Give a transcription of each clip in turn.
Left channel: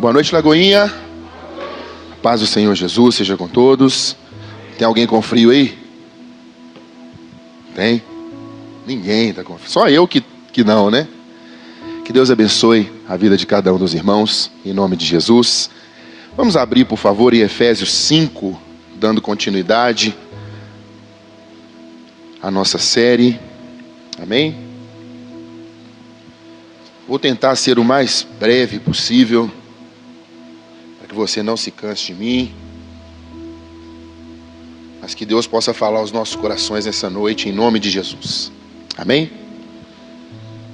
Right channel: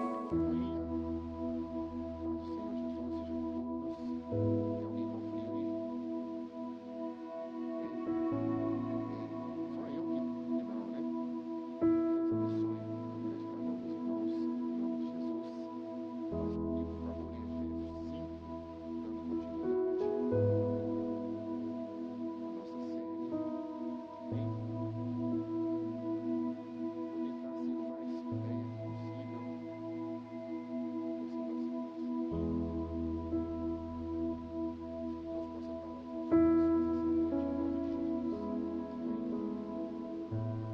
Boa noite, Lagoinha. A paz do Senhor Jesus seja com todos. Tem alguém com frio aí? Tem? Ninguém está com frio. Só eu que não, né? Que Deus abençoe a vida de cada um dos irmãos, em nome de Jesus. Vamos abrir, por favor, em Efésios 5, dando continuidade à nossa série. Amém? Vou tentar ser o mais breve possível, para que você não se canse de mim, mas que Deus possa falar aos nossos corações nessa noite, em nome de Jesus. Amém?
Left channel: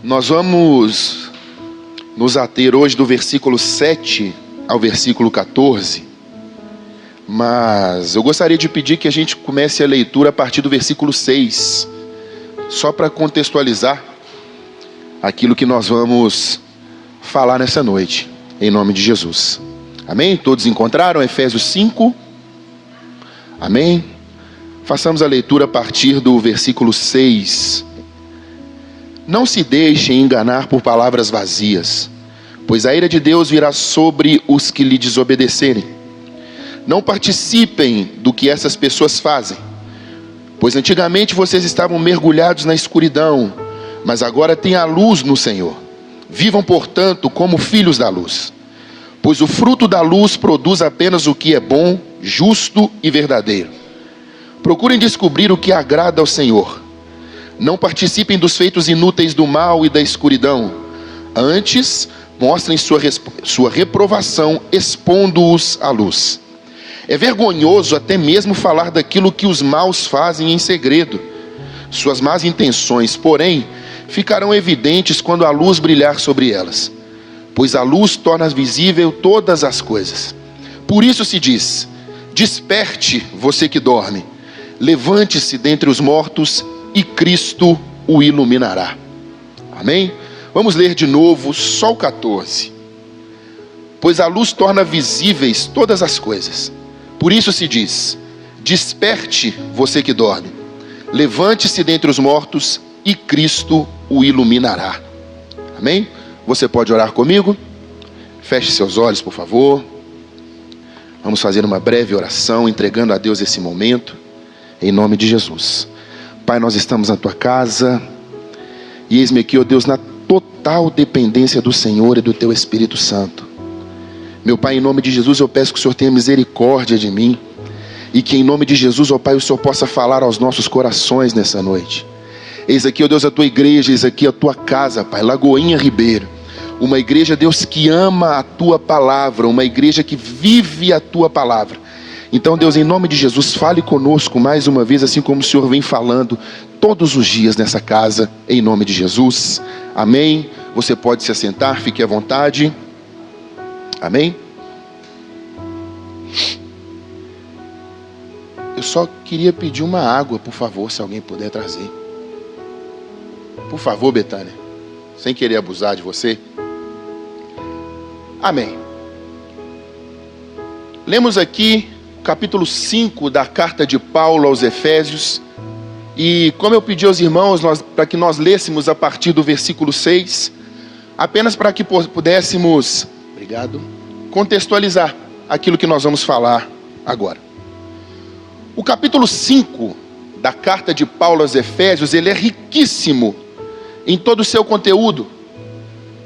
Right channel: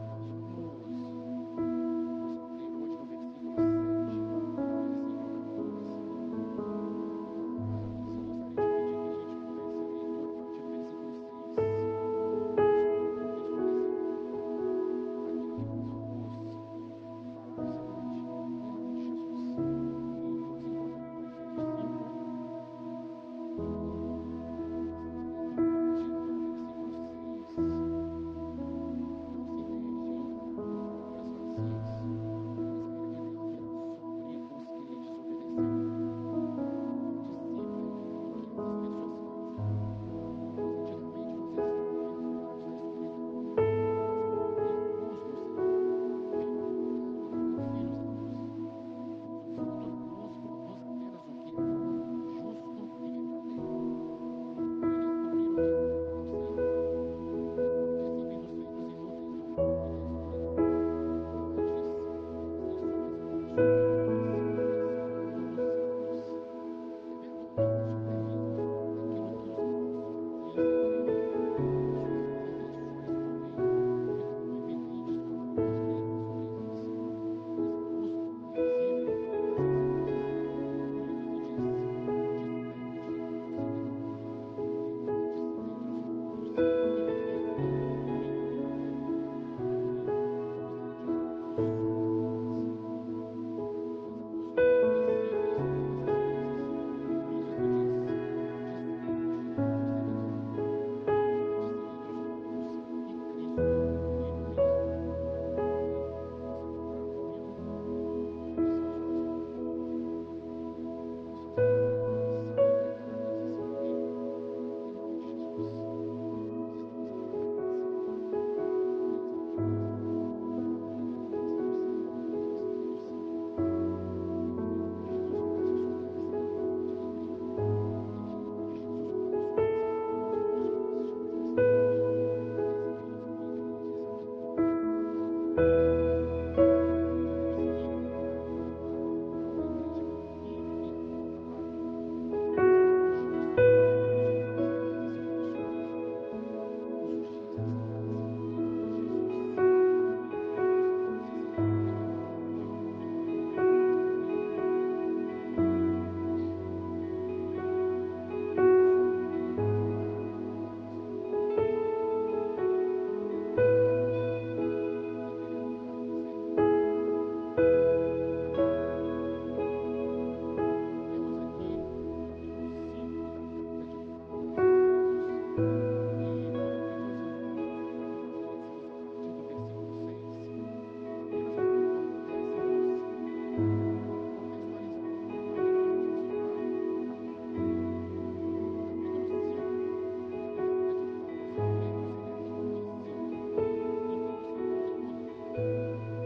Nós vamos nos ater hoje do versículo 7 ao versículo 14, mas eu gostaria de pedir que a gente comece a leitura a partir do versículo 6, só para contextualizar aquilo que nós vamos falar nessa noite, em nome de Jesus. Amém? Todos encontraram Efésios 5? Amém? Façamos a leitura a partir do versículo 6. Não se deixem enganar por palavras vazias, pois a ira de Deus virá sobre os que lhe desobedecerem. Não participem do que essas pessoas fazem, pois antigamente vocês estavam mergulhados na escuridão, mas agora têm a luz no Senhor. Vivam, portanto, como filhos da luz, pois o fruto da luz produz apenas o que é bom, justo e verdadeiro. Procurem descobrir o que agrada ao Senhor. Não participem dos feitos inúteis do mal e da escuridão. Antes, mostrem sua reprovação, expondo-os à luz. É vergonhoso até mesmo falar daquilo que os maus fazem em segredo. Suas más intenções, porém, ficarão evidentes quando a luz brilhar sobre elas, pois a luz torna visível todas as coisas. Por isso se diz: desperte, você que dorme, levante-se dentre os mortos e Cristo o iluminará. Amém? Vamos ler de novo só o 14. Pois a luz torna visíveis todas as coisas. Por isso se diz: desperte, você que dorme, levante-se dentre os mortos e Cristo o iluminará. Amém? Você pode orar comigo? Feche seus olhos, por favor. Vamos fazer uma breve oração, entregando a Deus esse momento, em nome de Jesus. Pai, nós estamos na Tua casa, e eis-me aqui, ó Deus, na total dependência do Senhor e do Teu Espírito Santo. Meu Pai, em nome de Jesus, eu peço que o Senhor tenha misericórdia de mim, e que em nome de Jesus, ó Pai, o Senhor possa falar aos nossos corações nessa noite. Eis aqui, ó Deus, a Tua igreja, eis aqui a Tua casa, Pai, Lagoinha Ribeiro. Uma igreja, Deus, que ama a Tua palavra, uma igreja que vive a Tua palavra. Então, Deus, em nome de Jesus, fale conosco mais uma vez, assim como o Senhor vem falando todos os dias nessa casa, em nome de Jesus. Amém? Você pode se assentar, fique à vontade. Amém? Eu só queria pedir uma água, por favor, se alguém puder trazer. Por favor, Betânia, sem querer abusar de você. Amém. Lemos aqui capítulo 5 da carta de Paulo aos Efésios. E como eu pedi aos irmãos, para que nós lêssemos a partir do versículo 6, apenas para que pudéssemos, contextualizar aquilo que nós vamos falar agora. O capítulo 5 da carta de Paulo aos Efésios, ele é riquíssimo em todo o seu conteúdo,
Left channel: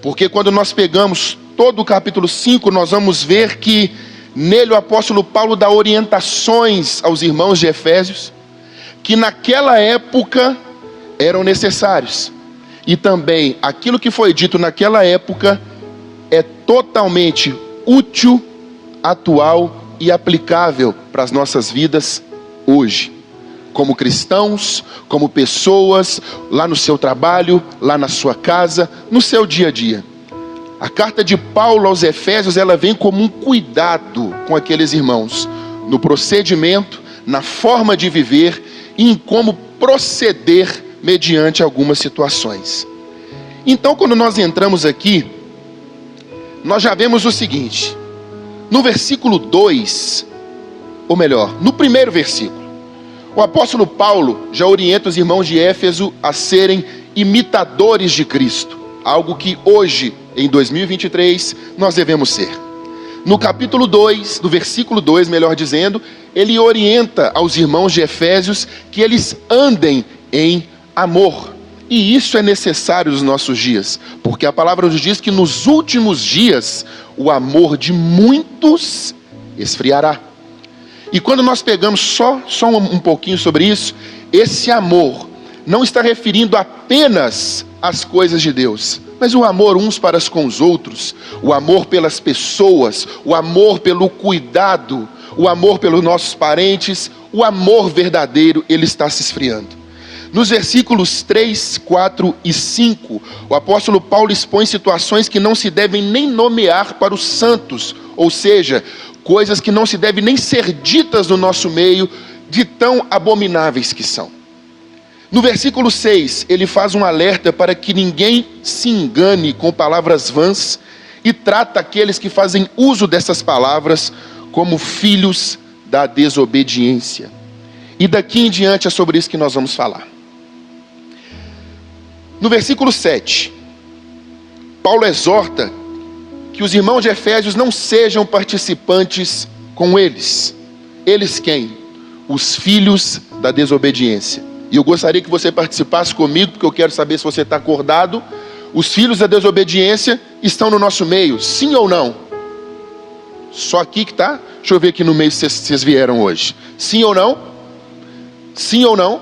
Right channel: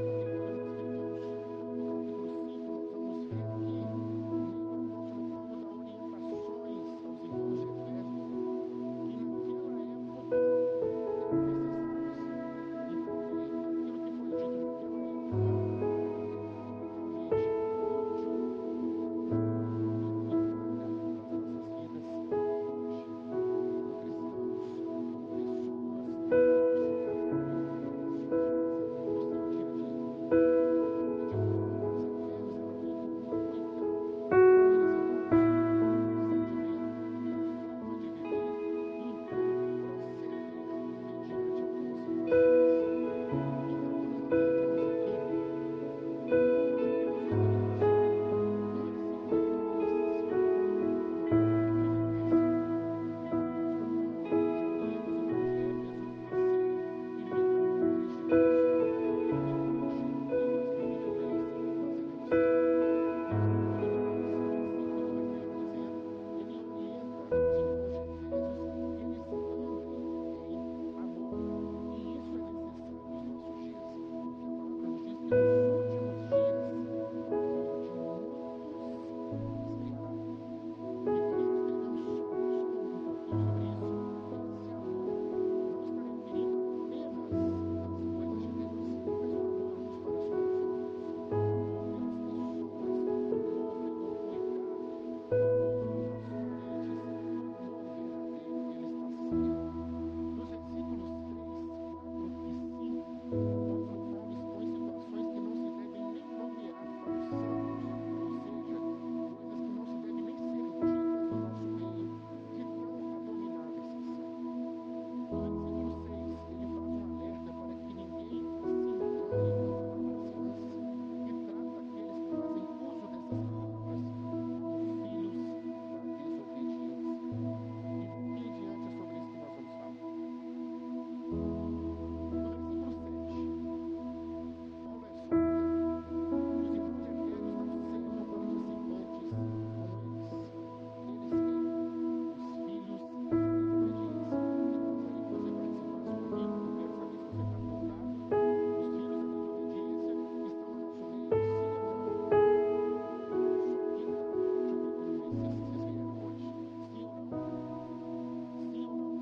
porque quando nós pegamos todo o capítulo 5, nós vamos ver que nele o apóstolo Paulo dá orientações aos irmãos de Efésios, que naquela época eram necessários, e também aquilo que foi dito naquela época é totalmente útil, atual e aplicável para as nossas vidas hoje, como cristãos, como pessoas, lá no seu trabalho, lá na sua casa, no seu dia a dia. A carta de Paulo aos Efésios, ela vem como um cuidado com aqueles irmãos, no procedimento, na forma de viver e em como proceder mediante algumas situações. Então, quando nós entramos aqui, nós já vemos o seguinte: no versículo 2, ou melhor, no primeiro versículo, o apóstolo Paulo já orienta os irmãos de Éfeso a serem imitadores de Cristo, algo que hoje, em 2023, nós devemos ser. No capítulo 2, no versículo 2, melhor dizendo, ele orienta aos irmãos de Efésios que eles andem em amor. E isso é necessário nos nossos dias, porque a palavra nos diz que nos últimos dias o amor de muitos esfriará. E quando nós pegamos só um pouquinho sobre isso, esse amor não está referindo apenas às coisas de Deus, mas o amor uns para com os outros, o amor pelas pessoas, o amor pelo cuidado, o amor pelos nossos parentes, o amor verdadeiro, ele está se esfriando. Nos versículos 3, 4 e 5, o apóstolo Paulo expõe situações que não se devem nem nomear para os santos, ou seja, coisas que não se devem nem ser ditas no nosso meio, de tão abomináveis que são. No versículo 6, ele faz um alerta para que ninguém se engane com palavras vãs e trata aqueles que fazem uso dessas palavras como filhos da desobediência. E daqui em diante é sobre isso que nós vamos falar. No versículo 7, Paulo exorta que os irmãos de Efésios não sejam participantes com eles. Eles quem? Os filhos da desobediência. E eu gostaria que você participasse comigo, porque eu quero saber se você está acordado. Os filhos da desobediência estão no nosso meio, sim ou não? Só aqui que está? Deixa eu ver aqui no meio se vocês vieram hoje. Sim ou não? Sim ou não?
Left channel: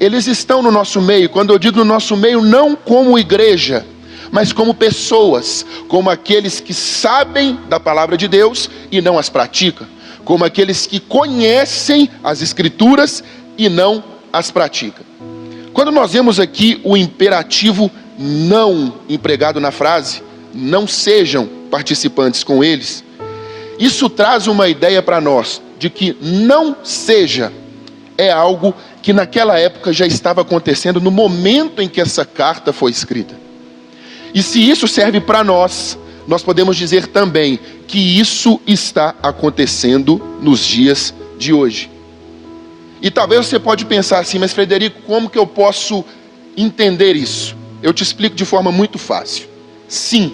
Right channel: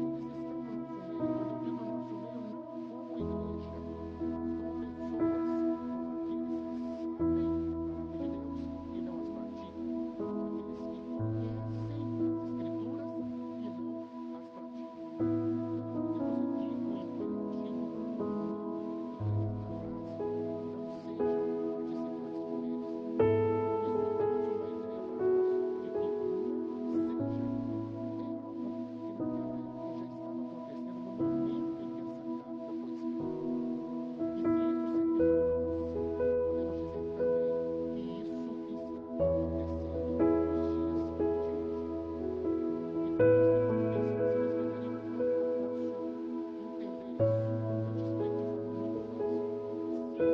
Eles estão no nosso meio. Quando eu digo no nosso meio, não como igreja, mas como pessoas, como aqueles que sabem da palavra de Deus e não as praticam, como aqueles que conhecem as escrituras e não as praticam. Quando nós vemos aqui o imperativo não empregado na frase, não sejam participantes com eles, isso traz uma ideia para nós de que não seja é algo que naquela época já estava acontecendo no momento em que essa carta foi escrita. E se isso serve para nós, nós podemos dizer também que isso está acontecendo nos dias de hoje. E talvez você pode pensar assim, mas Frederico, como que eu posso entender isso? Eu te explico de forma muito fácil. Sim,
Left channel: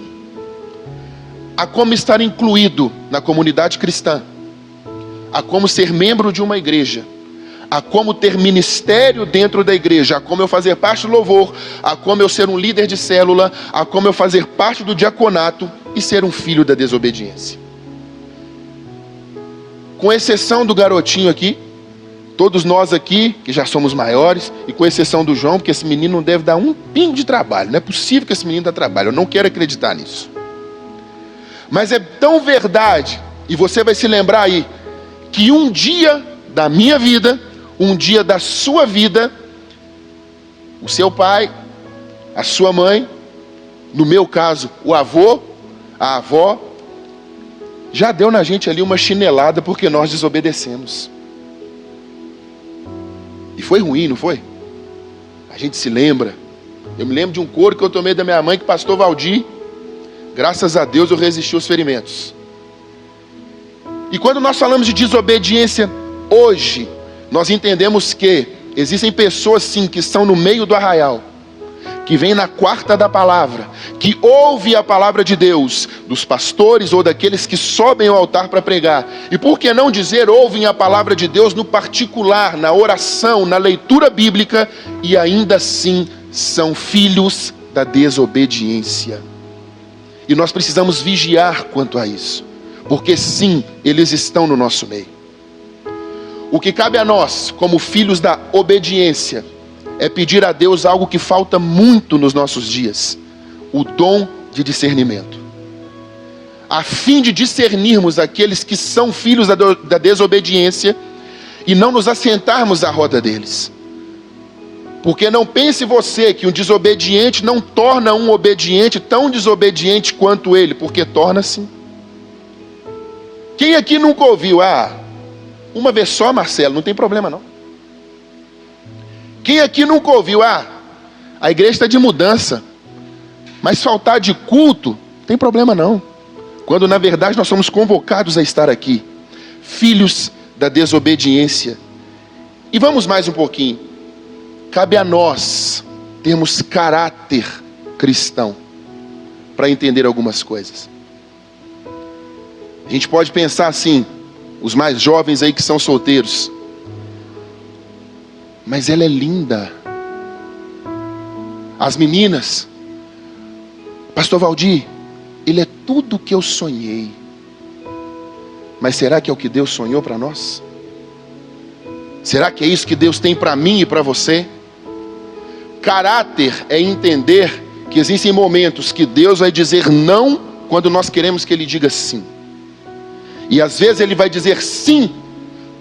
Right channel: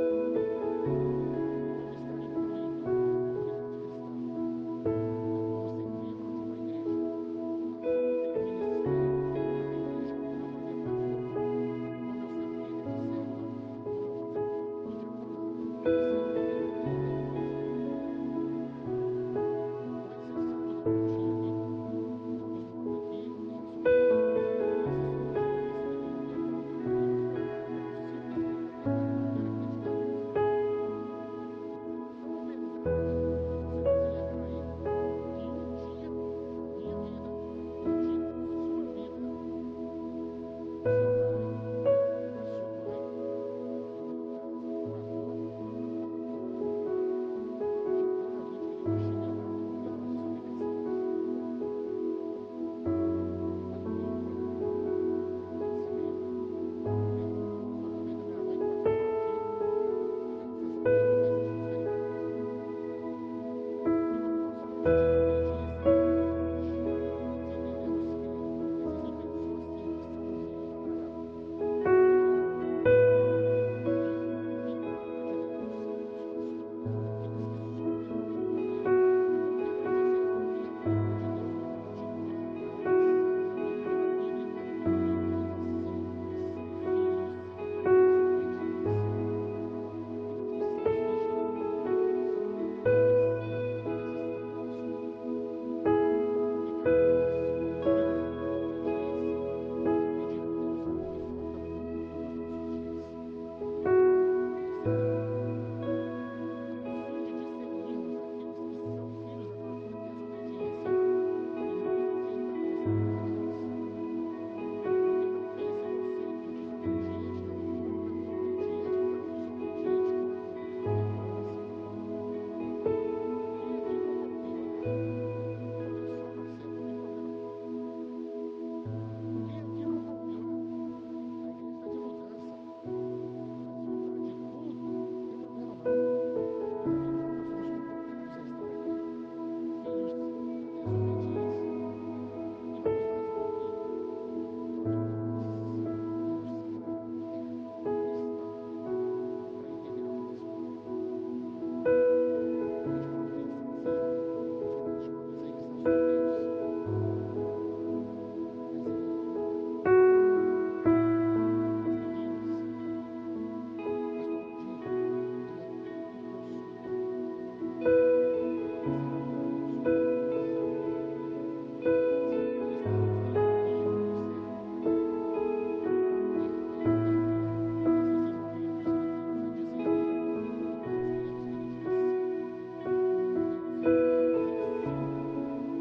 há como estar incluído na comunidade cristã, há como ser membro de uma igreja, há como ter ministério dentro da igreja, há como eu fazer parte do louvor, há como eu ser um líder de célula, há como eu fazer parte do diaconato e ser um filho da desobediência. Com exceção do garotinho aqui, todos nós aqui, que já somos maiores, e com exceção do João, porque esse menino não deve dar um pingo de trabalho, não é possível que esse menino dê trabalho, eu não quero acreditar nisso. Mas é tão verdade, e você vai se lembrar aí, que um dia da minha vida, um dia da sua vida, o seu pai, a sua mãe, no meu caso, o avô, a avó, já deu na gente ali uma chinelada porque nós desobedecemos. E foi ruim, não foi? A gente se lembra. Eu me lembro de um couro que eu tomei da minha mãe, que pastor Valdir, graças a Deus eu resisti aos ferimentos. E quando nós falamos de desobediência hoje, nós entendemos que existem pessoas sim que estão no meio do arraial, que vêm na quarta da palavra, que ouvem a palavra de Deus, dos pastores ou daqueles que sobem ao altar para pregar. E por que não dizer, ouvem a palavra de Deus no particular, na oração, na leitura bíblica, e ainda assim são filhos da desobediência. E nós precisamos vigiar quanto a isso, porque sim, eles estão no nosso meio. O que cabe a nós, como filhos da obediência, é pedir a Deus algo que falta muito nos nossos dias: o dom de discernimento, a fim de discernirmos aqueles que são filhos da desobediência e não nos assentarmos à roda deles. Porque não pense você que um desobediente não torna um obediente tão desobediente quanto ele, porque torna-se. Quem aqui nunca ouviu, uma vez só, Marcelo, não tem problema não. Quem aqui nunca ouviu, a igreja está de mudança, mas faltar de culto, não tem problema não. Quando na verdade nós somos convocados a estar aqui, filhos da desobediência. E vamos mais um pouquinho. Cabe a nós termos caráter cristão para entender algumas coisas. A gente pode pensar assim, os mais jovens aí que são solteiros. Mas ela é linda. As meninas, pastor Valdir, ele é tudo o que eu sonhei. Mas será que é o que Deus sonhou para nós? Será que é isso que Deus tem para mim e para você? Caráter é entender que existem momentos que Deus vai dizer não quando nós queremos que Ele diga sim. E às vezes Ele vai dizer sim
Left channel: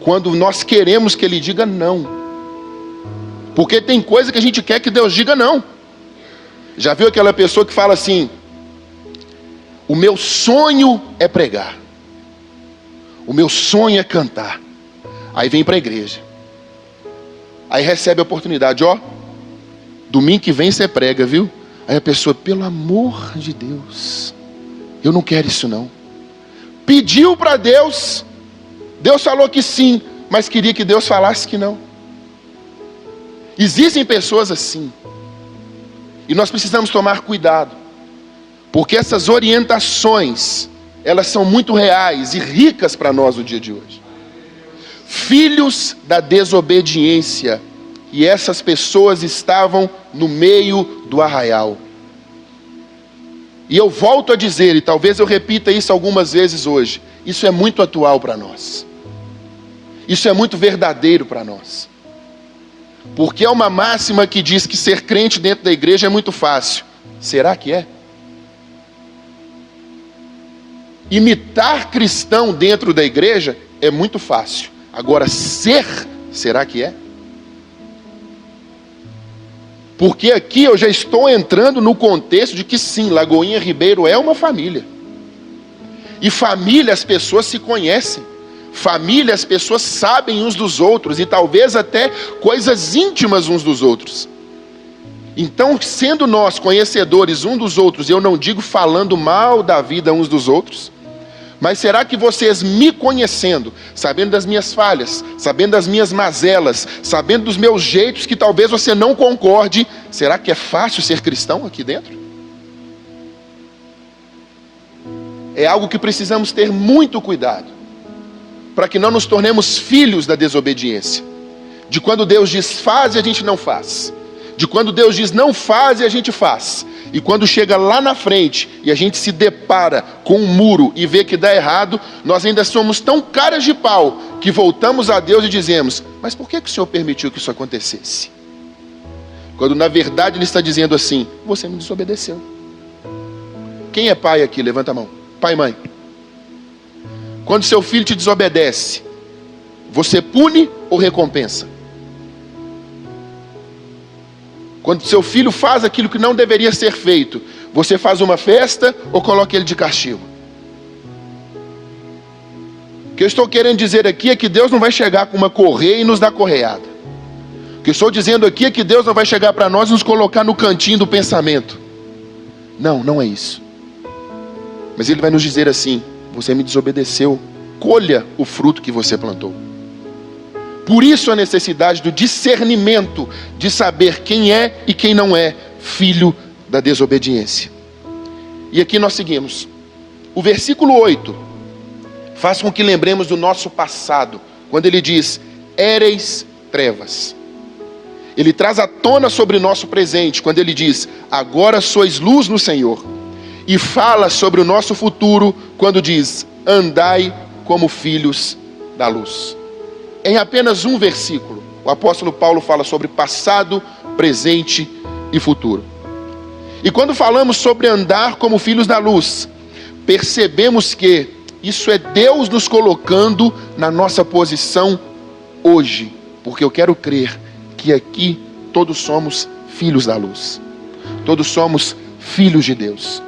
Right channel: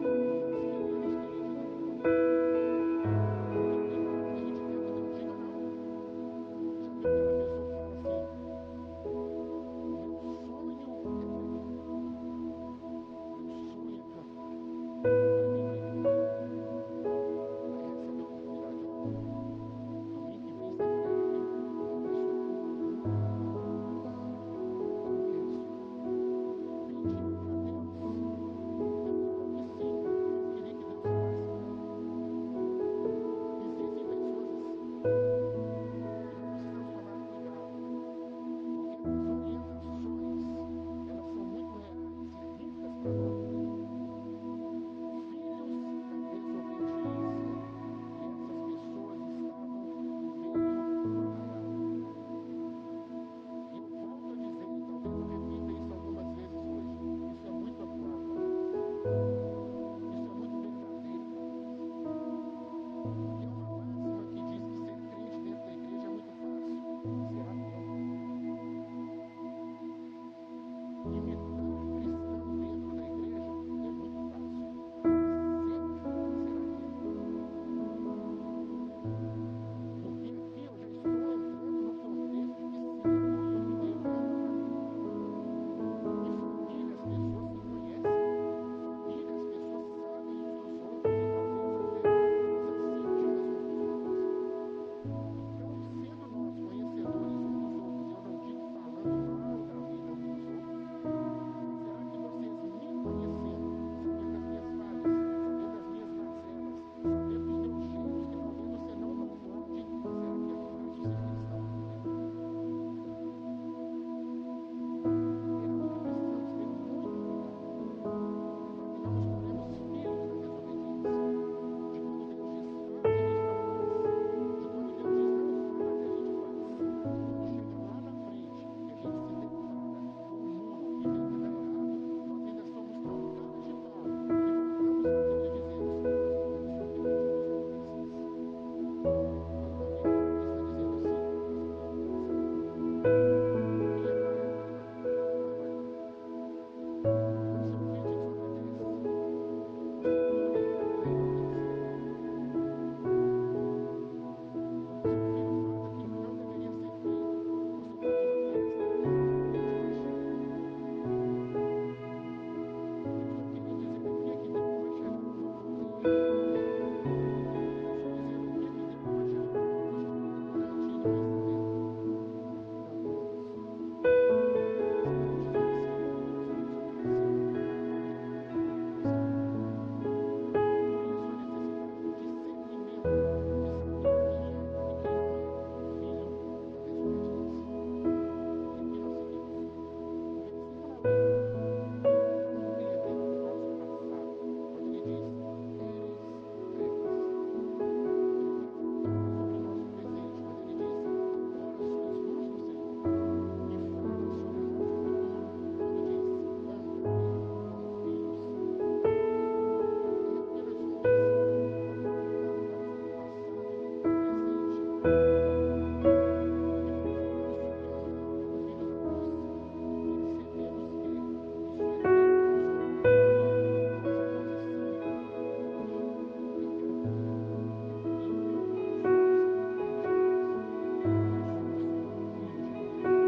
quando nós queremos que Ele diga não. Porque tem coisa que a gente quer que Deus diga não. Já viu aquela pessoa que fala assim: o meu sonho é pregar, o meu sonho é cantar. Aí vem para a igreja, aí recebe a oportunidade, ó, domingo que vem você prega, viu? Aí a pessoa, pelo amor de Deus, eu não quero isso não. Pediu para Deus, Deus falou que sim, mas queria que Deus falasse que não. Existem pessoas assim. E nós precisamos tomar cuidado. Porque essas orientações, elas são muito reais e ricas para nós no dia de hoje. Filhos da desobediência. E essas pessoas estavam no meio do arraial. E eu volto a dizer, e talvez eu repita isso algumas vezes hoje, isso é muito atual para nós. Isso é muito verdadeiro para nós. Porque é uma máxima que diz que ser crente dentro da igreja é muito fácil. Será que é? Imitar cristão dentro da igreja é muito fácil. Agora, será que é? Porque aqui eu já estou entrando no contexto de que sim, Lagoinha Ribeiro é uma família. E família, as pessoas se conhecem. Família, as pessoas sabem uns dos outros e talvez até coisas íntimas uns dos outros. Então, sendo nós conhecedores uns dos outros, eu não digo falando mal da vida uns dos outros, mas será que vocês me conhecendo, sabendo das minhas falhas, sabendo das minhas mazelas, sabendo dos meus jeitos que talvez você não concorde, será que é fácil ser cristão aqui dentro? É algo que precisamos ter muito cuidado, para que não nos tornemos filhos da desobediência. De quando Deus diz faz e a gente não faz. De quando Deus diz não faz e a gente faz. E quando chega lá na frente e a gente se depara com um muro e vê que dá errado, nós ainda somos tão caras de pau que voltamos a Deus e dizemos: mas por que o Senhor permitiu que isso acontecesse? Quando na verdade Ele está dizendo assim: você me desobedeceu. Quem é pai aqui? Levanta a mão. Pai e mãe. Quando seu filho te desobedece, você pune ou recompensa? Quando seu filho faz aquilo que não deveria ser feito, você faz uma festa ou coloca ele de castigo? O que eu estou querendo dizer aqui é que Deus não vai chegar com uma correia e nos dar correada. O que eu estou dizendo aqui é que Deus não vai chegar para nós e nos colocar no cantinho do pensamento. Não, não é isso. Mas Ele vai nos dizer assim: você me desobedeceu, colha o fruto que você plantou. Por isso a necessidade do discernimento, de saber quem é e quem não é filho da desobediência. E aqui nós seguimos. O versículo 8 faz com que lembremos do nosso passado, quando ele diz: éreis trevas. Ele traz à tona sobre o nosso presente, quando ele diz: agora sois luz no Senhor. E fala sobre o nosso futuro, quando diz: andai como filhos da luz. Em apenas um versículo, o apóstolo Paulo fala sobre passado, presente e futuro. E quando falamos sobre andar como filhos da luz, percebemos que isso é Deus nos colocando na nossa posição hoje. Porque eu quero crer que aqui todos somos filhos da luz. Todos somos filhos de Deus.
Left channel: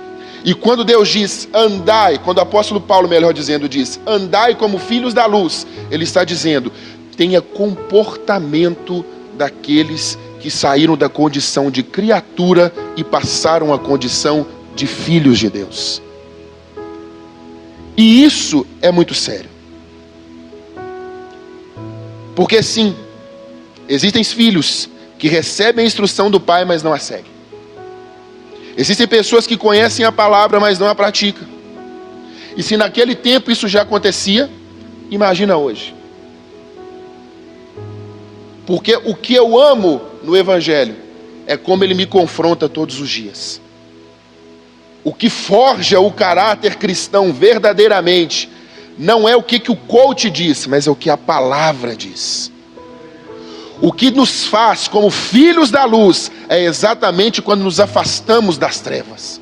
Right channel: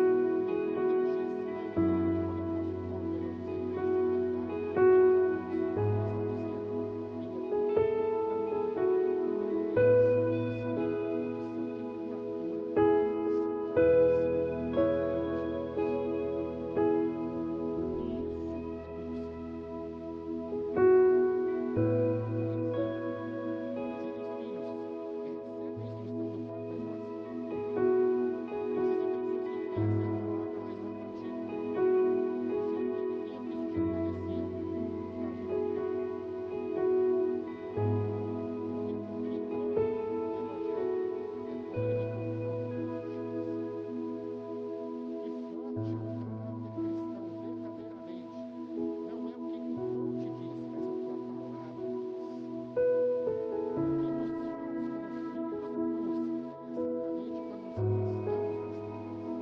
E quando Deus diz andai, quando o apóstolo Paulo, melhor dizendo, diz andai como filhos da luz, ele está dizendo: tenha comportamento daqueles que saíram da condição de criatura e passaram à condição de filhos de Deus. E isso é muito sério. Porque sim, existem filhos que recebem a instrução do pai, mas não a seguem. Existem pessoas que conhecem a palavra, mas não a praticam. E se naquele tempo isso já acontecia, imagina hoje. Porque o que eu amo no Evangelho é como ele me confronta todos os dias. O que forja o caráter cristão verdadeiramente não é o que o coach diz, mas é o que a palavra diz. O que nos faz como filhos da luz é exatamente quando nos afastamos das trevas.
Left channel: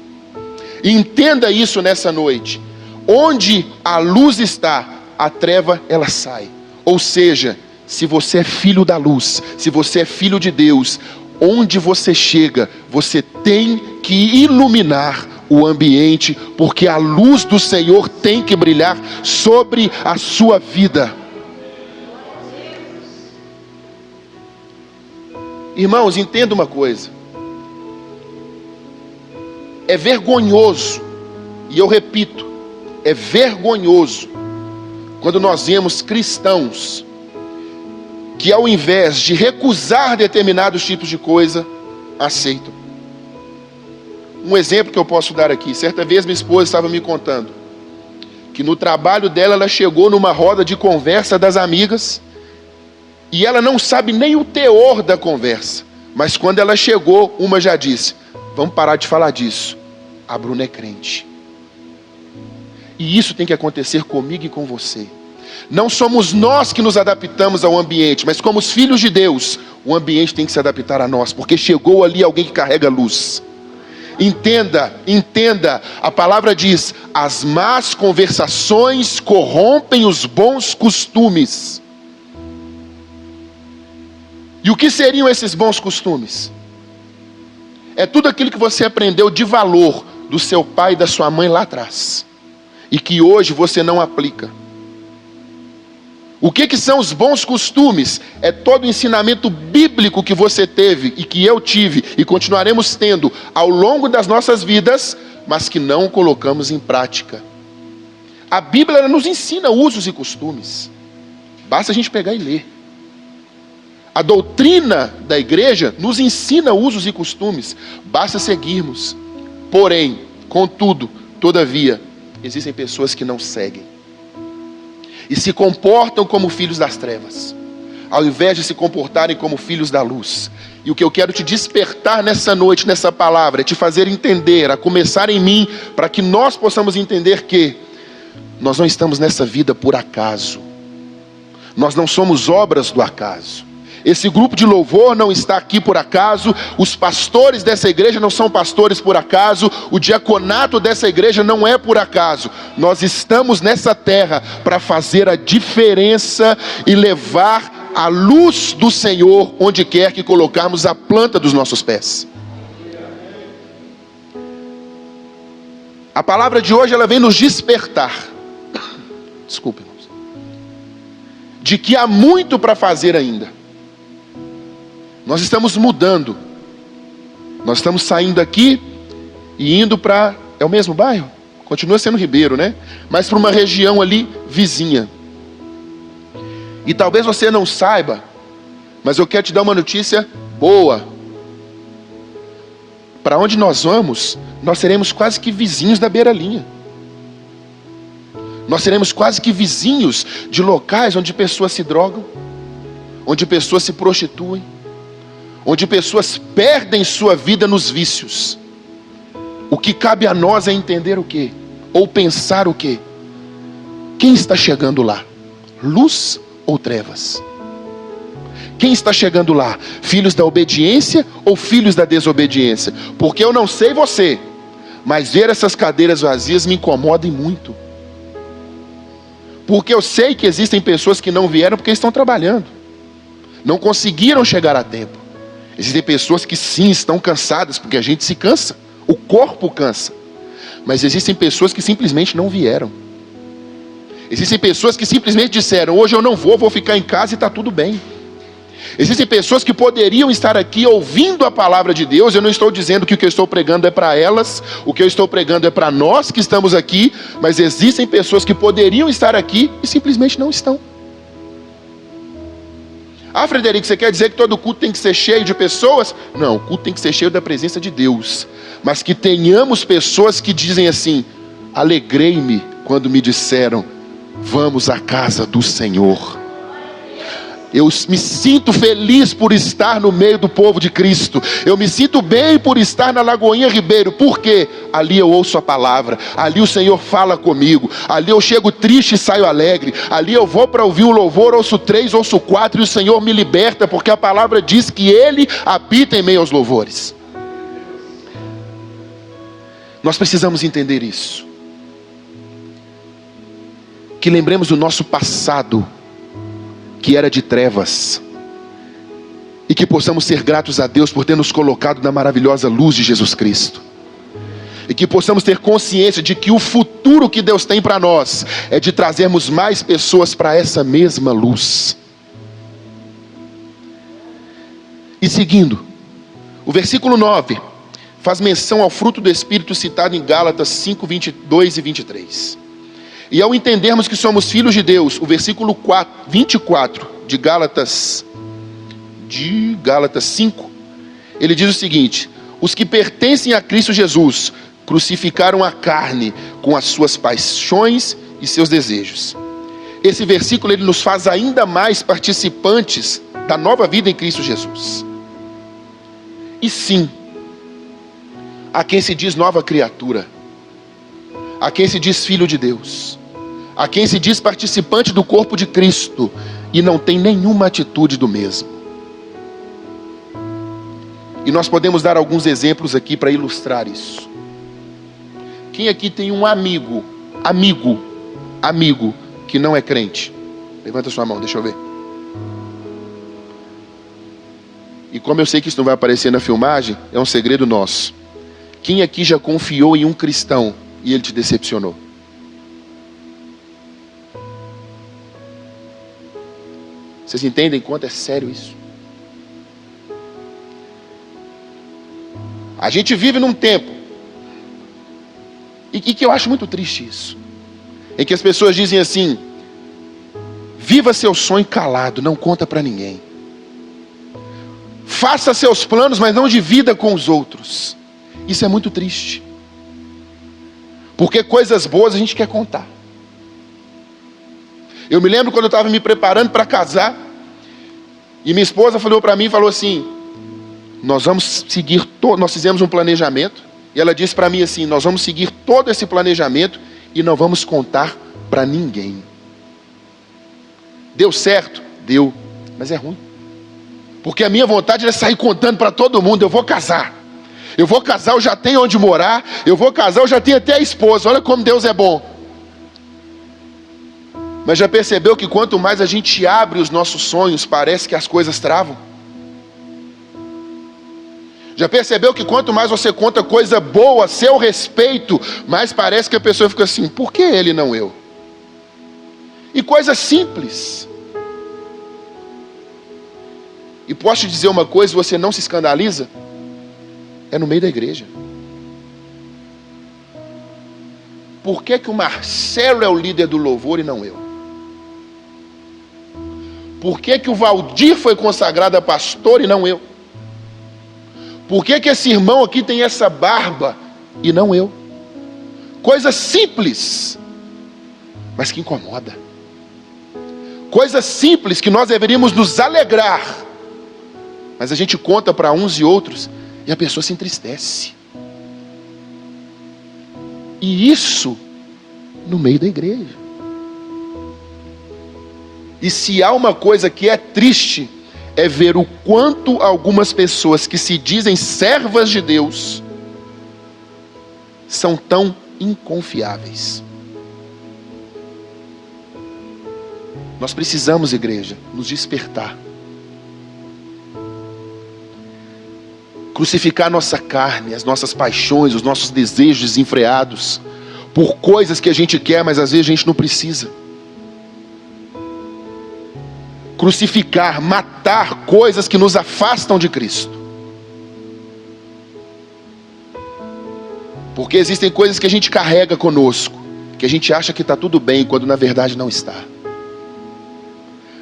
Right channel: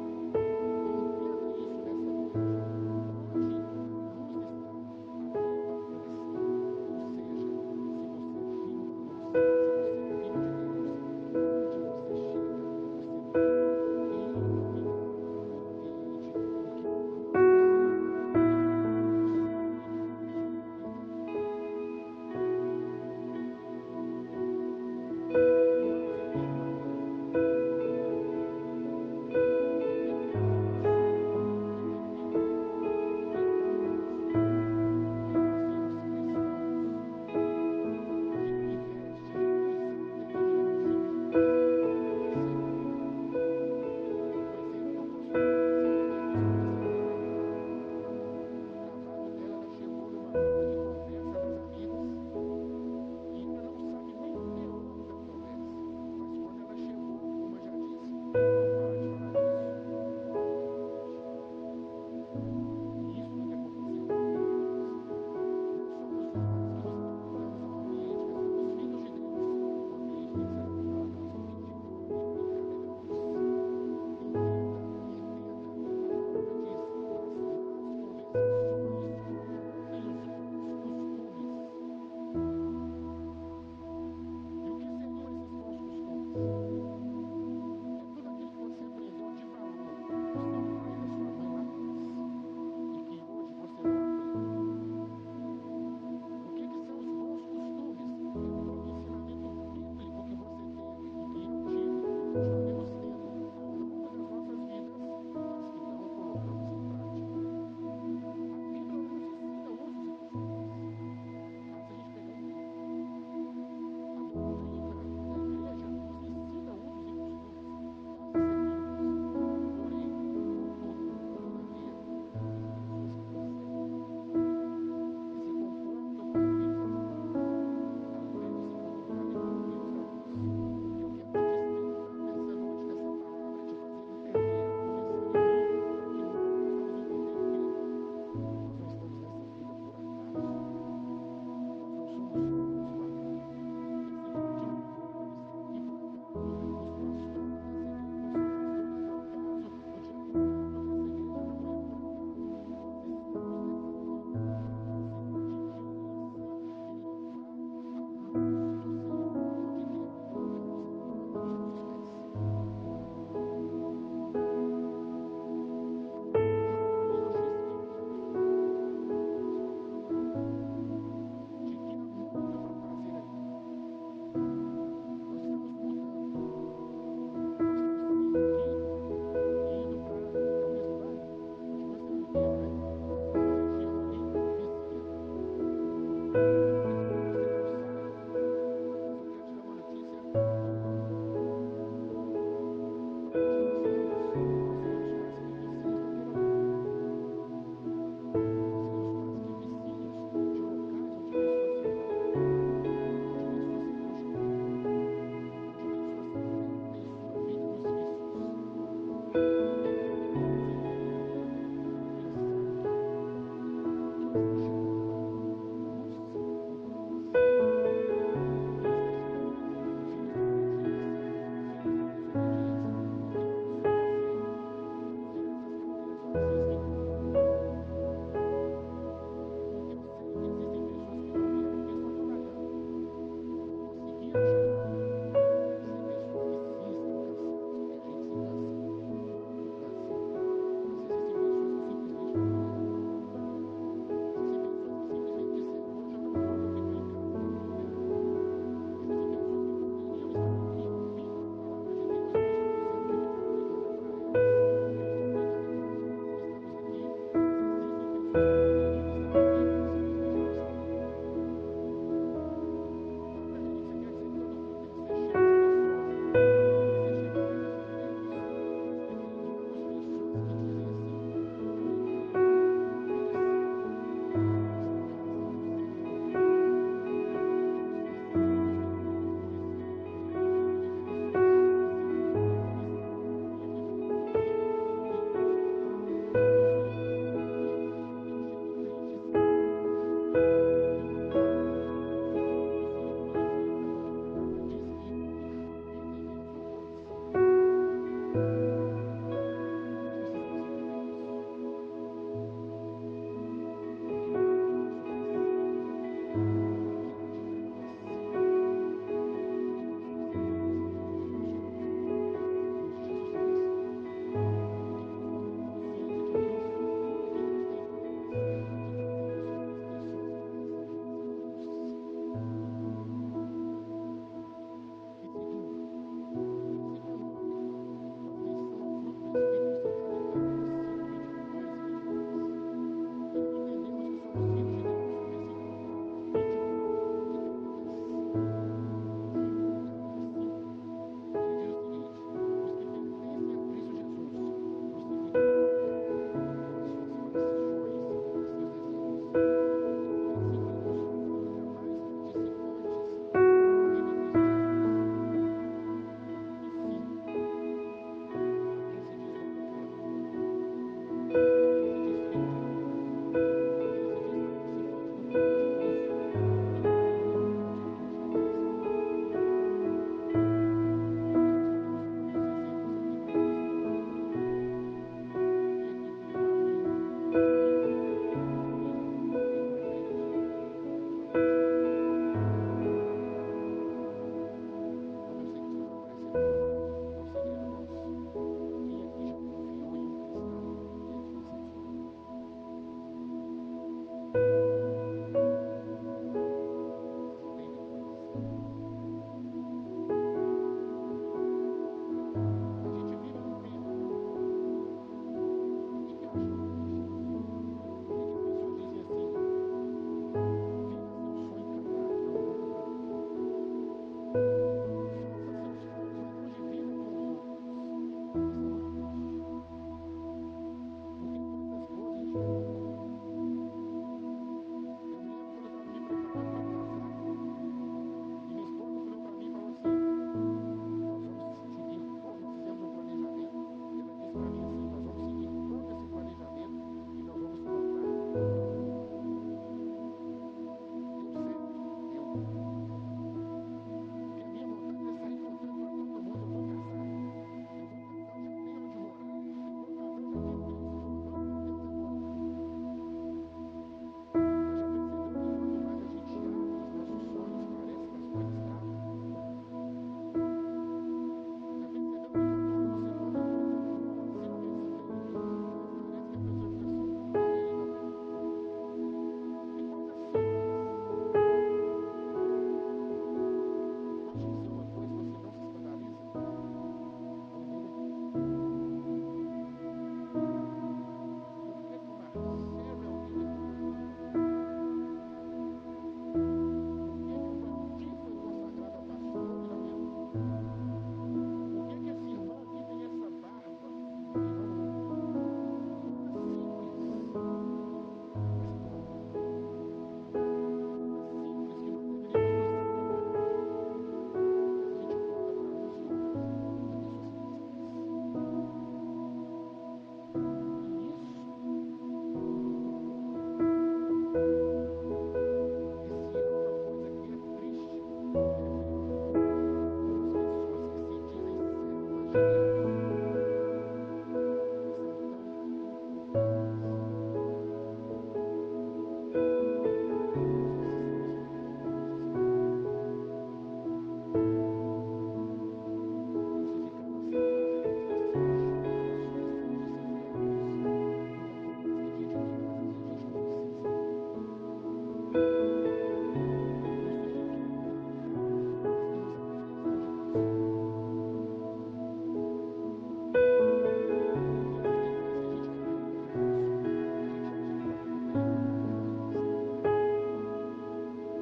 E entenda isso nessa noite. Onde a luz está, a treva ela sai. Ou seja, se você é filho da luz, se você é filho de Deus, onde você chega, você tem que iluminar o ambiente, porque a luz do Senhor tem que brilhar sobre a sua vida. Irmãos, entenda uma coisa. É vergonhoso, e eu repito, é vergonhoso quando nós vemos cristãos que, ao invés de recusar determinados tipos de coisa, aceitam. Um exemplo que eu posso dar aqui: certa vez minha esposa estava me contando que no trabalho dela, ela chegou numa roda de conversa das amigas, e ela não sabe nem o teor da conversa, mas quando ela chegou, uma já disse: vamos parar de falar disso, a Bruna é crente. E isso tem que acontecer comigo e com você. Não somos nós que nos adaptamos ao ambiente, mas como os filhos de Deus, o ambiente tem que se adaptar a nós, porque chegou ali alguém que carrega luz. Entenda, a palavra diz: as más conversações corrompem os bons costumes. E o que seriam esses bons costumes? É tudo aquilo que você aprendeu de valor do seu pai e da sua mãe lá atrás, e que hoje você não aplica. O que são os bons costumes? É todo o ensinamento bíblico que você teve e que eu tive e continuaremos tendo ao longo das nossas vidas, mas que não colocamos em prática. A Bíblia ela nos ensina usos e costumes. Basta a gente pegar e ler. A doutrina da igreja nos ensina usos e costumes. Basta seguirmos. Porém, contudo, todavia, existem pessoas que não seguem e se comportam como filhos das trevas, ao invés de se comportarem como filhos da luz. E o que eu quero te despertar nessa noite, nessa palavra, é te fazer entender, a começar em mim, para que nós possamos entender que nós não estamos nessa vida por acaso. Nós não somos obras do acaso. Esse grupo de louvor não está aqui por acaso, os pastores dessa igreja não são pastores por acaso, o diaconato dessa igreja não é por acaso. Nós estamos nessa terra para fazer a diferença e levar a luz do Senhor onde quer que colocarmos a planta dos nossos pés. A palavra de hoje ela vem nos despertar, desculpe, de que há muito para fazer ainda. Nós estamos mudando. Nós estamos saindo aqui e indo para... É o mesmo bairro? Continua sendo Ribeiro, né? Mas para uma região ali vizinha. E talvez você não saiba, mas eu quero te dar uma notícia boa. Para onde nós vamos, nós seremos quase que vizinhos da beira-linha. Nós seremos quase que vizinhos de locais onde pessoas se drogam, onde pessoas se prostituem, onde pessoas perdem sua vida nos vícios. O que cabe a nós é entender o quê? Ou pensar o quê? Quem está chegando lá? Luz ou trevas? Quem está chegando lá? Filhos da obediência ou filhos da desobediência? Porque eu não sei você, mas ver essas cadeiras vazias me incomoda muito. Porque eu sei que existem pessoas que não vieram porque estão trabalhando, não conseguiram chegar a tempo. Existem pessoas que sim, estão cansadas, porque a gente se cansa, o corpo cansa. Mas existem pessoas que simplesmente não vieram. Existem pessoas que simplesmente disseram: hoje eu não vou ficar em casa e está tudo bem. Existem pessoas que poderiam estar aqui ouvindo a palavra de Deus. Eu não estou dizendo que o que eu estou pregando é para elas, o que eu estou pregando é para nós que estamos aqui. Mas existem pessoas que poderiam estar aqui e simplesmente não estão. Ah, Frederico, você quer dizer que todo culto tem que ser cheio de pessoas? Não, o culto tem que ser cheio da presença de Deus. Mas que tenhamos pessoas que dizem assim: alegrei-me quando me disseram: vamos à casa do Senhor. Eu me sinto feliz por estar no meio do povo de Cristo. Eu me sinto bem por estar na Lagoinha Ribeiro. Por quê? Ali eu ouço a palavra. Ali o Senhor fala comigo. Ali eu chego triste e saio alegre. Ali eu vou para ouvir um louvor, ouço 3, ouço 4 e o Senhor me liberta, porque a palavra diz que Ele habita em meio aos louvores. Nós precisamos entender isso. Que lembremos do nosso passado, que era de trevas, e que possamos ser gratos a Deus por ter nos colocado na maravilhosa luz de Jesus Cristo, e que possamos ter consciência de que o futuro que Deus tem para nós é de trazermos mais pessoas para essa mesma luz. E seguindo, o versículo 9 faz menção ao fruto do Espírito citado em Gálatas 5, 22 e 23. E ao entendermos que somos filhos de Deus, o versículo 24 de Gálatas 5, ele diz o seguinte: os que pertencem a Cristo Jesus crucificaram a carne com as suas paixões e seus desejos. Esse versículo ele nos faz ainda mais participantes da nova vida em Cristo Jesus. E sim, a quem se diz nova criatura, a quem se diz filho de Deus, a quem se diz participante do corpo de Cristo e não tem nenhuma atitude do mesmo. E nós podemos dar alguns exemplos aqui para ilustrar isso. Quem aqui tem um amigo que não é crente? Levanta sua mão, deixa eu ver. E como eu sei que isso não vai aparecer na filmagem, é um segredo nosso. Quem aqui já confiou em um cristão e ele te decepcionou? Vocês entendem quanto é sério isso? A gente vive num tempo, e que eu acho muito triste isso, em que as pessoas dizem assim: viva seu sonho calado, não conta para ninguém. Faça seus planos, mas não divida com os outros. Isso é muito triste, porque coisas boas a gente quer contar. Eu me lembro quando eu estava me preparando para casar, e minha esposa falou para mim, falou assim: nós vamos seguir nós fizemos um planejamento, e ela disse para mim assim: nós vamos seguir todo esse planejamento e não vamos contar para ninguém. Deu certo? Deu, mas é ruim, porque a minha vontade é sair contando para todo mundo: eu vou casar, eu já tenho onde morar, eu vou casar, eu já tenho até a esposa, olha como Deus é bom. Mas já percebeu que quanto mais a gente abre os nossos sonhos, parece que as coisas travam? Já percebeu que quanto mais você conta coisa boa a seu respeito, mais parece que a pessoa fica assim: por que ele não eu? E coisa simples. E posso te dizer uma coisa, você não se escandaliza? É no meio da igreja. Por que o Marcelo é o líder do louvor e não eu? Por que o Valdir foi consagrado a pastor e não eu? Por que esse irmão aqui tem essa barba e não eu? Coisa simples, mas que incomoda. Coisa simples que nós deveríamos nos alegrar, mas a gente conta para uns e outros e a pessoa se entristece. E isso no meio da igreja. E se há uma coisa que é triste, é ver o quanto algumas pessoas que se dizem servas de Deus são tão inconfiáveis. Nós precisamos, igreja, nos despertar. Crucificar nossa carne, as nossas paixões, os nossos desejos desenfreados, por coisas que a gente quer, mas às vezes a gente não precisa. Crucificar, matar coisas que nos afastam de Cristo. Porque existem coisas que a gente carrega conosco, que a gente acha que está tudo bem, quando na verdade não está.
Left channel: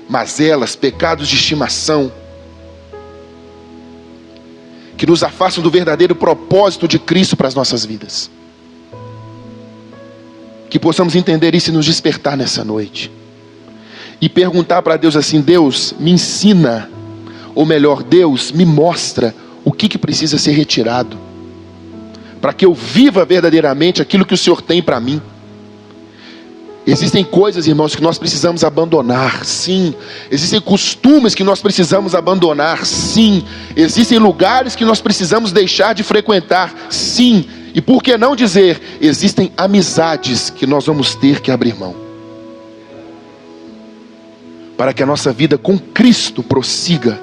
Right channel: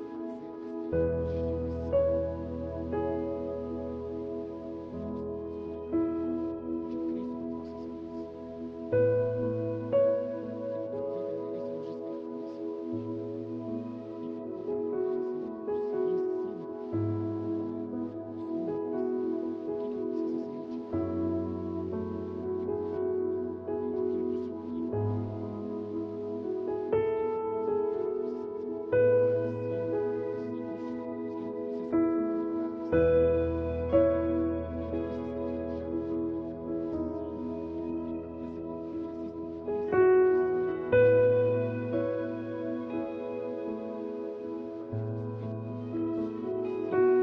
Mazelas, pecados de estimação, que nos afastam do verdadeiro propósito de Cristo para as nossas vidas. Que possamos entender isso e nos despertar nessa noite. E perguntar para Deus assim: Deus, me ensina, ou melhor, Deus, me mostra o que precisa ser retirado, para que eu viva verdadeiramente aquilo que o Senhor tem para mim. Existem coisas, irmãos, que nós precisamos abandonar, sim. Existem costumes que nós precisamos abandonar, sim. Existem lugares que nós precisamos deixar de frequentar, sim. E por que não dizer, existem amizades que nós vamos ter que abrir mão, para que a nossa vida com Cristo prossiga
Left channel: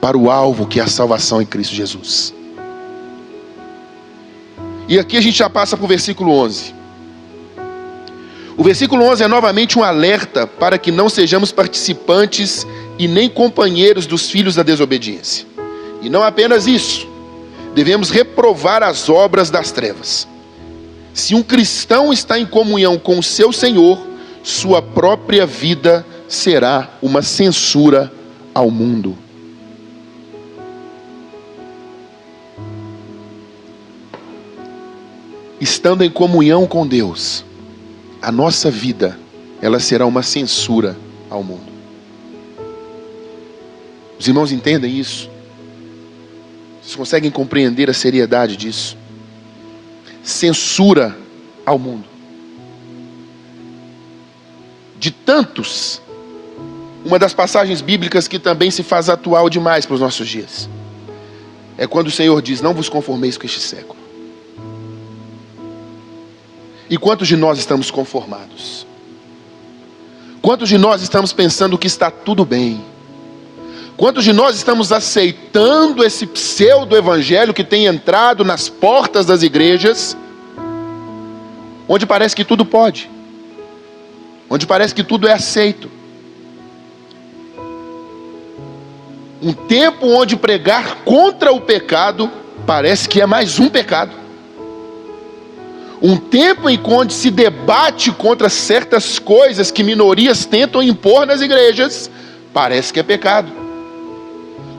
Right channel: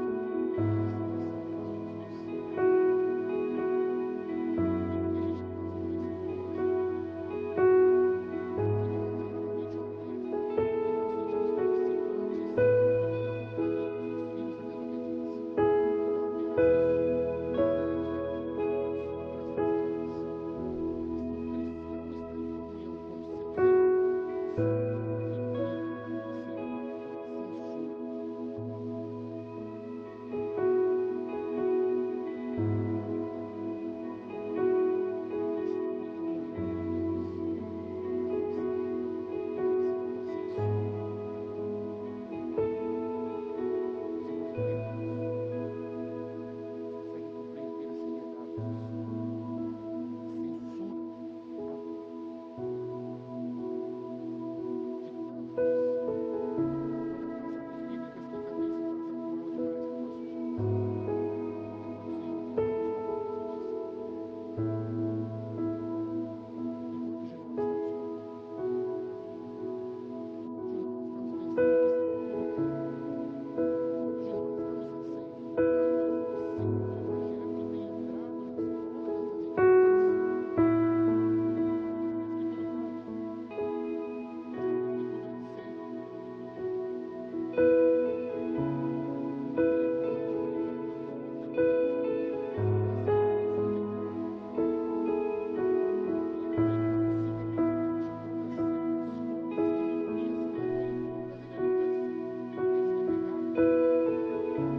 para o alvo, que é a salvação em Cristo Jesus. E aqui a gente já passa para o versículo 11. O versículo 11 é novamente um alerta para que não sejamos participantes e nem companheiros dos filhos da desobediência. E não apenas isso, devemos reprovar as obras das trevas. Se um cristão está em comunhão com o seu Senhor, sua própria vida será uma censura ao mundo. Estando em comunhão com Deus, a nossa vida, ela será uma censura ao mundo. Os irmãos entendem isso? Vocês conseguem compreender a seriedade disso? Censura ao mundo. De tantos, uma das passagens bíblicas que também se faz atual demais para os nossos dias, é quando o Senhor diz: não vos conformeis com este século. E quantos de nós estamos conformados? Quantos de nós estamos pensando que está tudo bem? Quantos de nós estamos aceitando esse pseudo-evangelho que tem entrado nas portas das igrejas, onde parece que tudo pode, onde parece que tudo é aceito? Um tempo onde pregar contra o pecado parece que é mais um pecado. Um tempo em que se debate contra certas coisas que minorias tentam impor nas igrejas, parece que é pecado.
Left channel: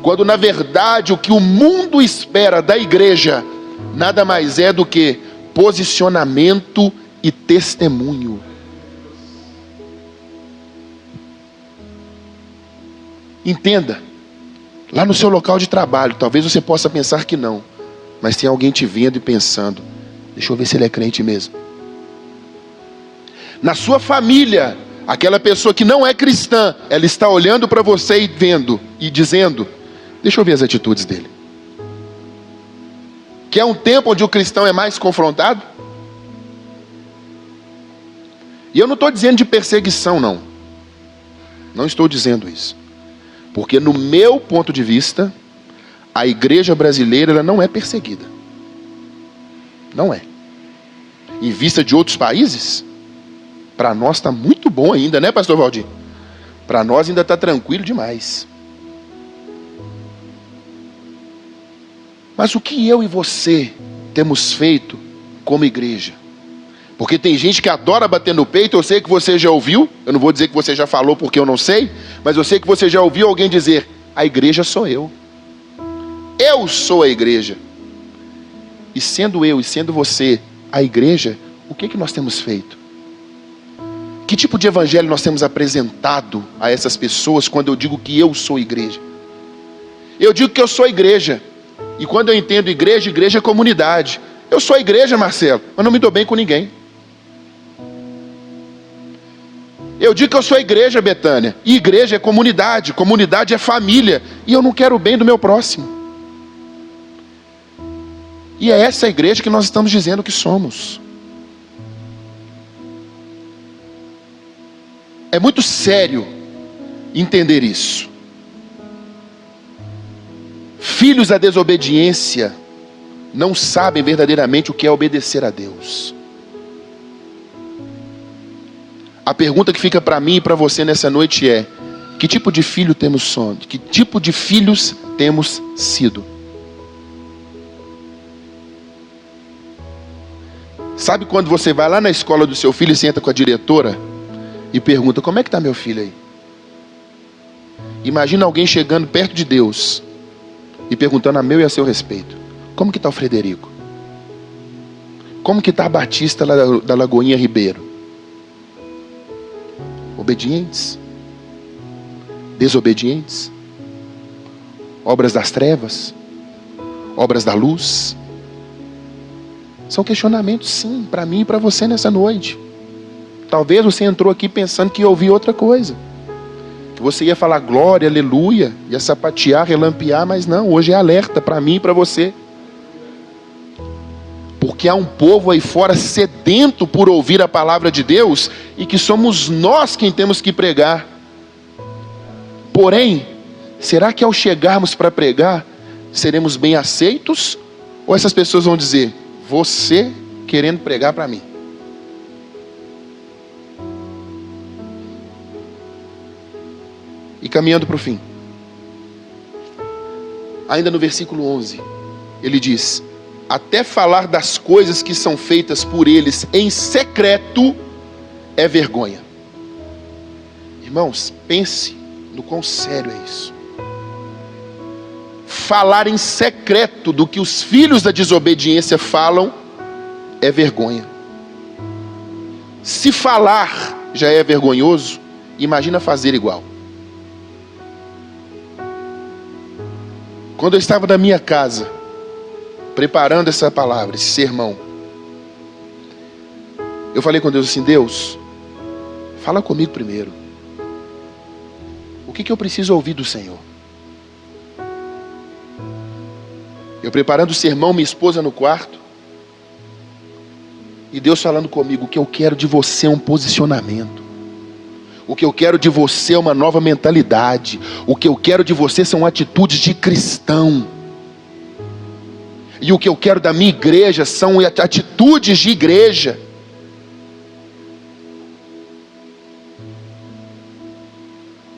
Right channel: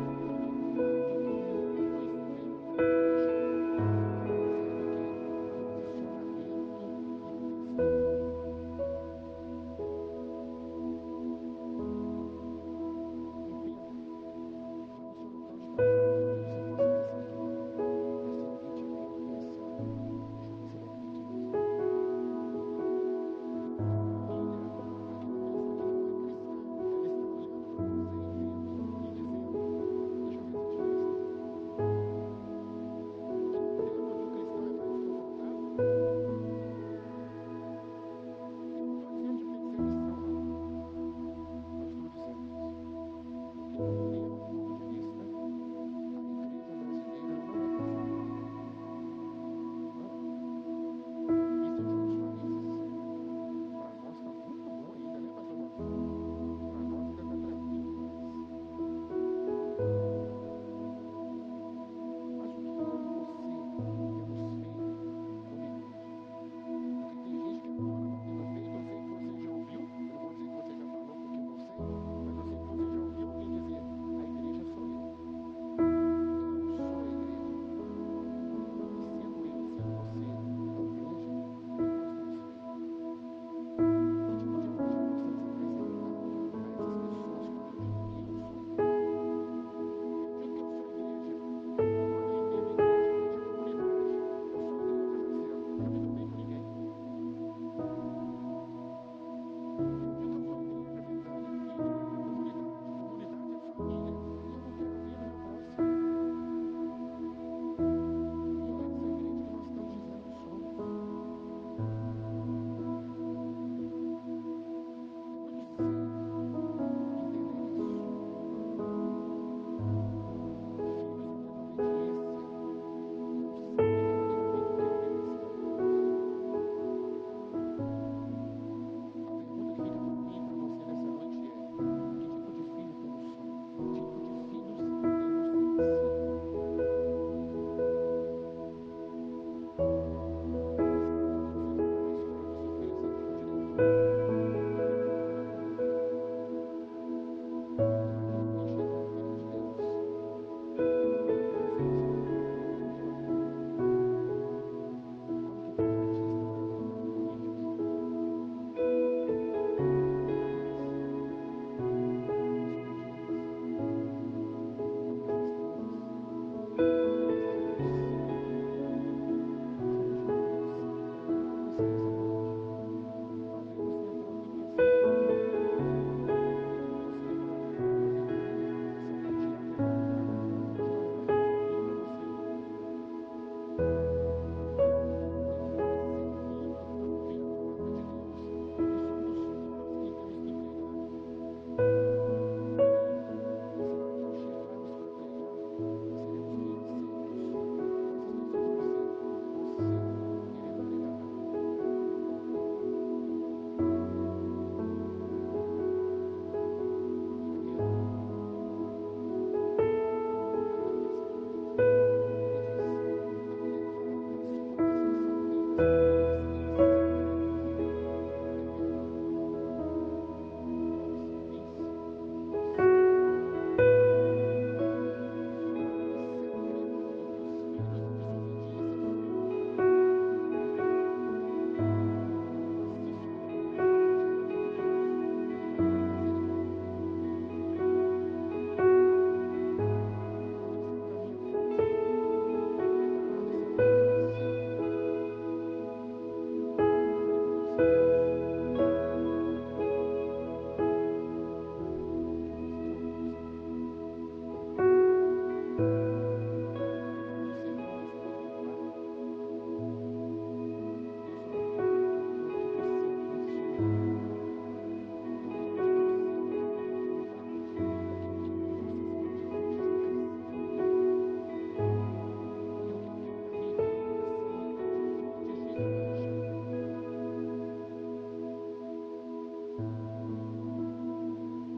Quando na verdade o que o mundo espera da igreja nada mais é do que posicionamento e testemunho. Entenda, lá no seu local de trabalho, talvez você possa pensar que não, mas tem alguém te vendo e pensando: deixa eu ver se ele é crente mesmo. Na sua família, aquela pessoa que não é cristã, ela está olhando para você e vendo e dizendo: deixa eu ver as atitudes dele. Que é um tempo onde o cristão é mais confrontado. E eu não estou dizendo de perseguição, não. Não estou dizendo isso. Porque no meu ponto de vista, a igreja brasileira ela não é perseguida. Não é. Em vista de outros países, para nós está muito bom ainda, né, pastor Valdir? Para nós ainda está tranquilo demais. Mas o que eu e você temos feito como igreja? Porque tem gente que adora bater no peito. Eu sei que você já ouviu, eu não vou dizer que você já falou porque eu não sei, mas eu sei que você já ouviu alguém dizer: a igreja sou eu. Eu sou a igreja. E sendo eu e sendo você a igreja, o que nós temos feito? Que tipo de evangelho nós temos apresentado a essas pessoas quando eu digo que eu sou igreja? Eu digo que eu sou igreja. E quando eu entendo igreja, igreja é comunidade. Eu sou a igreja, Marcelo, mas não me dou bem com ninguém. Eu digo que eu sou a igreja, Betânia, e igreja é comunidade, comunidade é família, e eu não quero o bem do meu próximo. E é essa a igreja que nós estamos dizendo que somos. É muito sério entender isso. Filhos da desobediência não sabem verdadeiramente o que é obedecer a Deus. A pergunta que fica para mim e para você nessa noite é: que tipo de filho temos sido? Que tipo de filhos temos sido? Sabe quando você vai lá na escola do seu filho e senta com a diretora e pergunta: como é que está meu filho aí? Imagina alguém chegando perto de Deus e perguntando a meu e a seu respeito: como que está o Frederico? Como que está a Batista lá da Lagoinha Ribeiro? Obedientes? Desobedientes? Obras das trevas? Obras da luz? São questionamentos, sim, para mim e para você nessa noite. Talvez você entrou aqui pensando que ia ouvir outra coisa, que você ia falar glória, aleluia, ia sapatear, relampear, mas não, hoje é alerta para mim e para você. Porque há um povo aí fora sedento por ouvir a palavra de Deus, e que somos nós quem temos que pregar. Porém, será que ao chegarmos para pregar, seremos bem aceitos? Ou essas pessoas vão dizer, você querendo pregar para mim? E caminhando para o fim, ainda no versículo 11, ele diz: até falar das coisas que são feitas por eles em secreto é vergonha. Irmãos, pense no quão sério é isso. Falar em secreto do que os filhos da desobediência falam é vergonha. Se falar já é vergonhoso, imagina fazer igual. Quando eu estava na minha casa, preparando essa palavra, esse sermão, eu falei com Deus assim: Deus, fala comigo primeiro. O que eu preciso ouvir do Senhor? Eu preparando o sermão, minha esposa no quarto, e Deus falando comigo: o que eu quero de você é um posicionamento. O que eu quero de você é uma nova mentalidade. O que eu quero de você são atitudes de cristão. E o que eu quero da minha igreja são atitudes de igreja.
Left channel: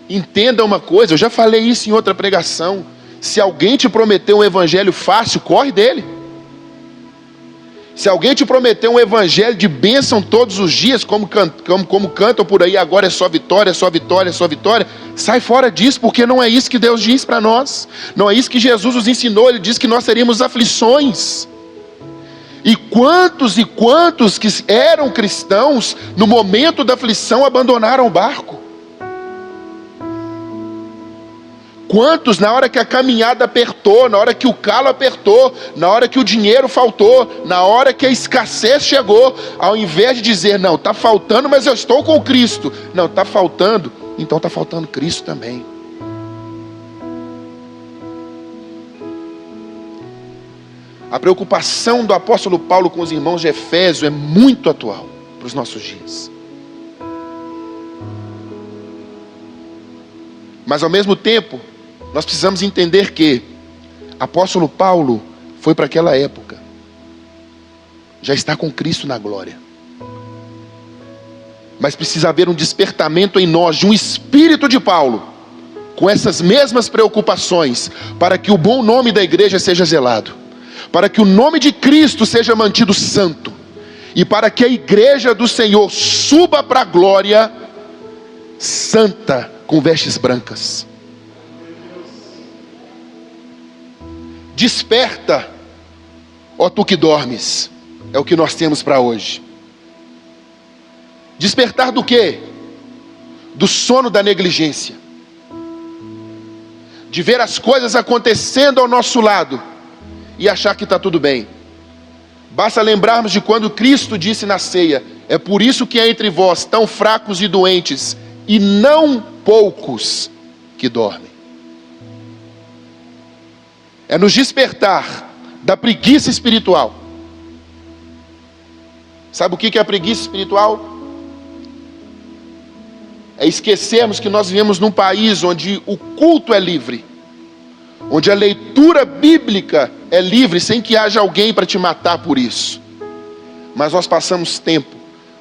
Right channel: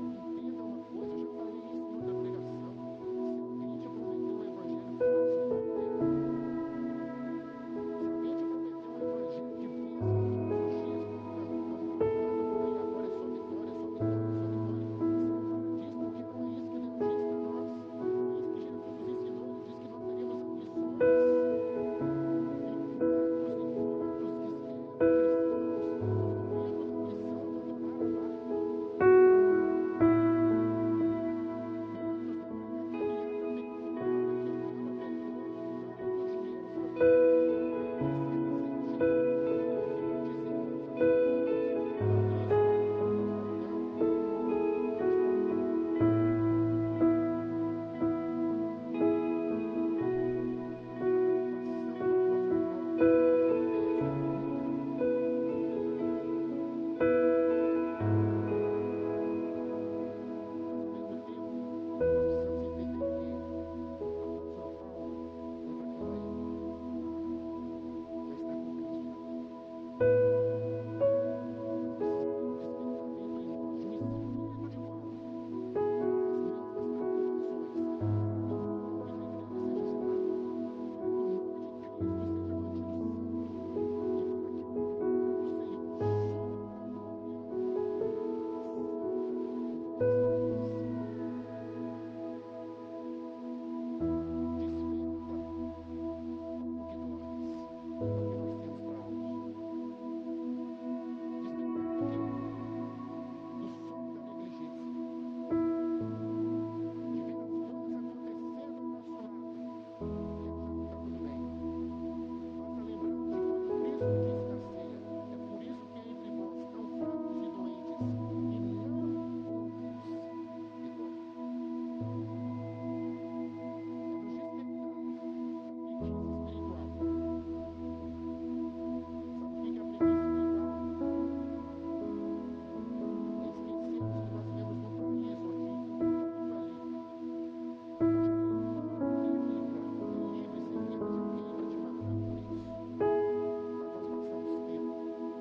Entenda uma coisa, eu já falei isso em outra pregação. Se alguém te prometeu um evangelho fácil, corre dele. Se alguém te prometeu um evangelho de bênção todos os dias, como cantam por aí, agora é só vitória, só vitória, só vitória, sai fora disso, porque não é isso que Deus diz para nós. Não é isso que Jesus nos ensinou. Ele diz que nós teríamos aflições. E quantos que eram cristãos, no momento da aflição abandonaram o barco? Quantos, na hora que a caminhada apertou, na hora que o calo apertou, na hora que o dinheiro faltou, na hora que a escassez chegou, ao invés de dizer, não, está faltando, mas eu estou com Cristo. Não, está faltando, então está faltando Cristo também. A preocupação do apóstolo Paulo com os irmãos de Efésio é muito atual para os nossos dias. Mas ao mesmo tempo, nós precisamos entender que apóstolo Paulo foi para aquela época, já está com Cristo na glória. Mas precisa haver um despertamento em nós de um espírito de Paulo, com essas mesmas preocupações, para que o bom nome da igreja seja zelado, para que o nome de Cristo seja mantido santo, e para que a igreja do Senhor suba para a glória santa, com vestes brancas. Desperta, ó tu que dormes, é o que nós temos para hoje. Despertar do quê? Do sono da negligência, de ver as coisas acontecendo ao nosso lado e achar que está tudo bem. Basta lembrarmos de quando Cristo disse na ceia: é por isso que há entre vós tão fracos e doentes, e não poucos que dormem. É nos despertar da preguiça espiritual. Sabe o que é a preguiça espiritual? É esquecermos que nós vivemos num país onde o culto é livre, onde a leitura bíblica é livre, sem que haja alguém para te matar por isso. Mas nós passamos tempo,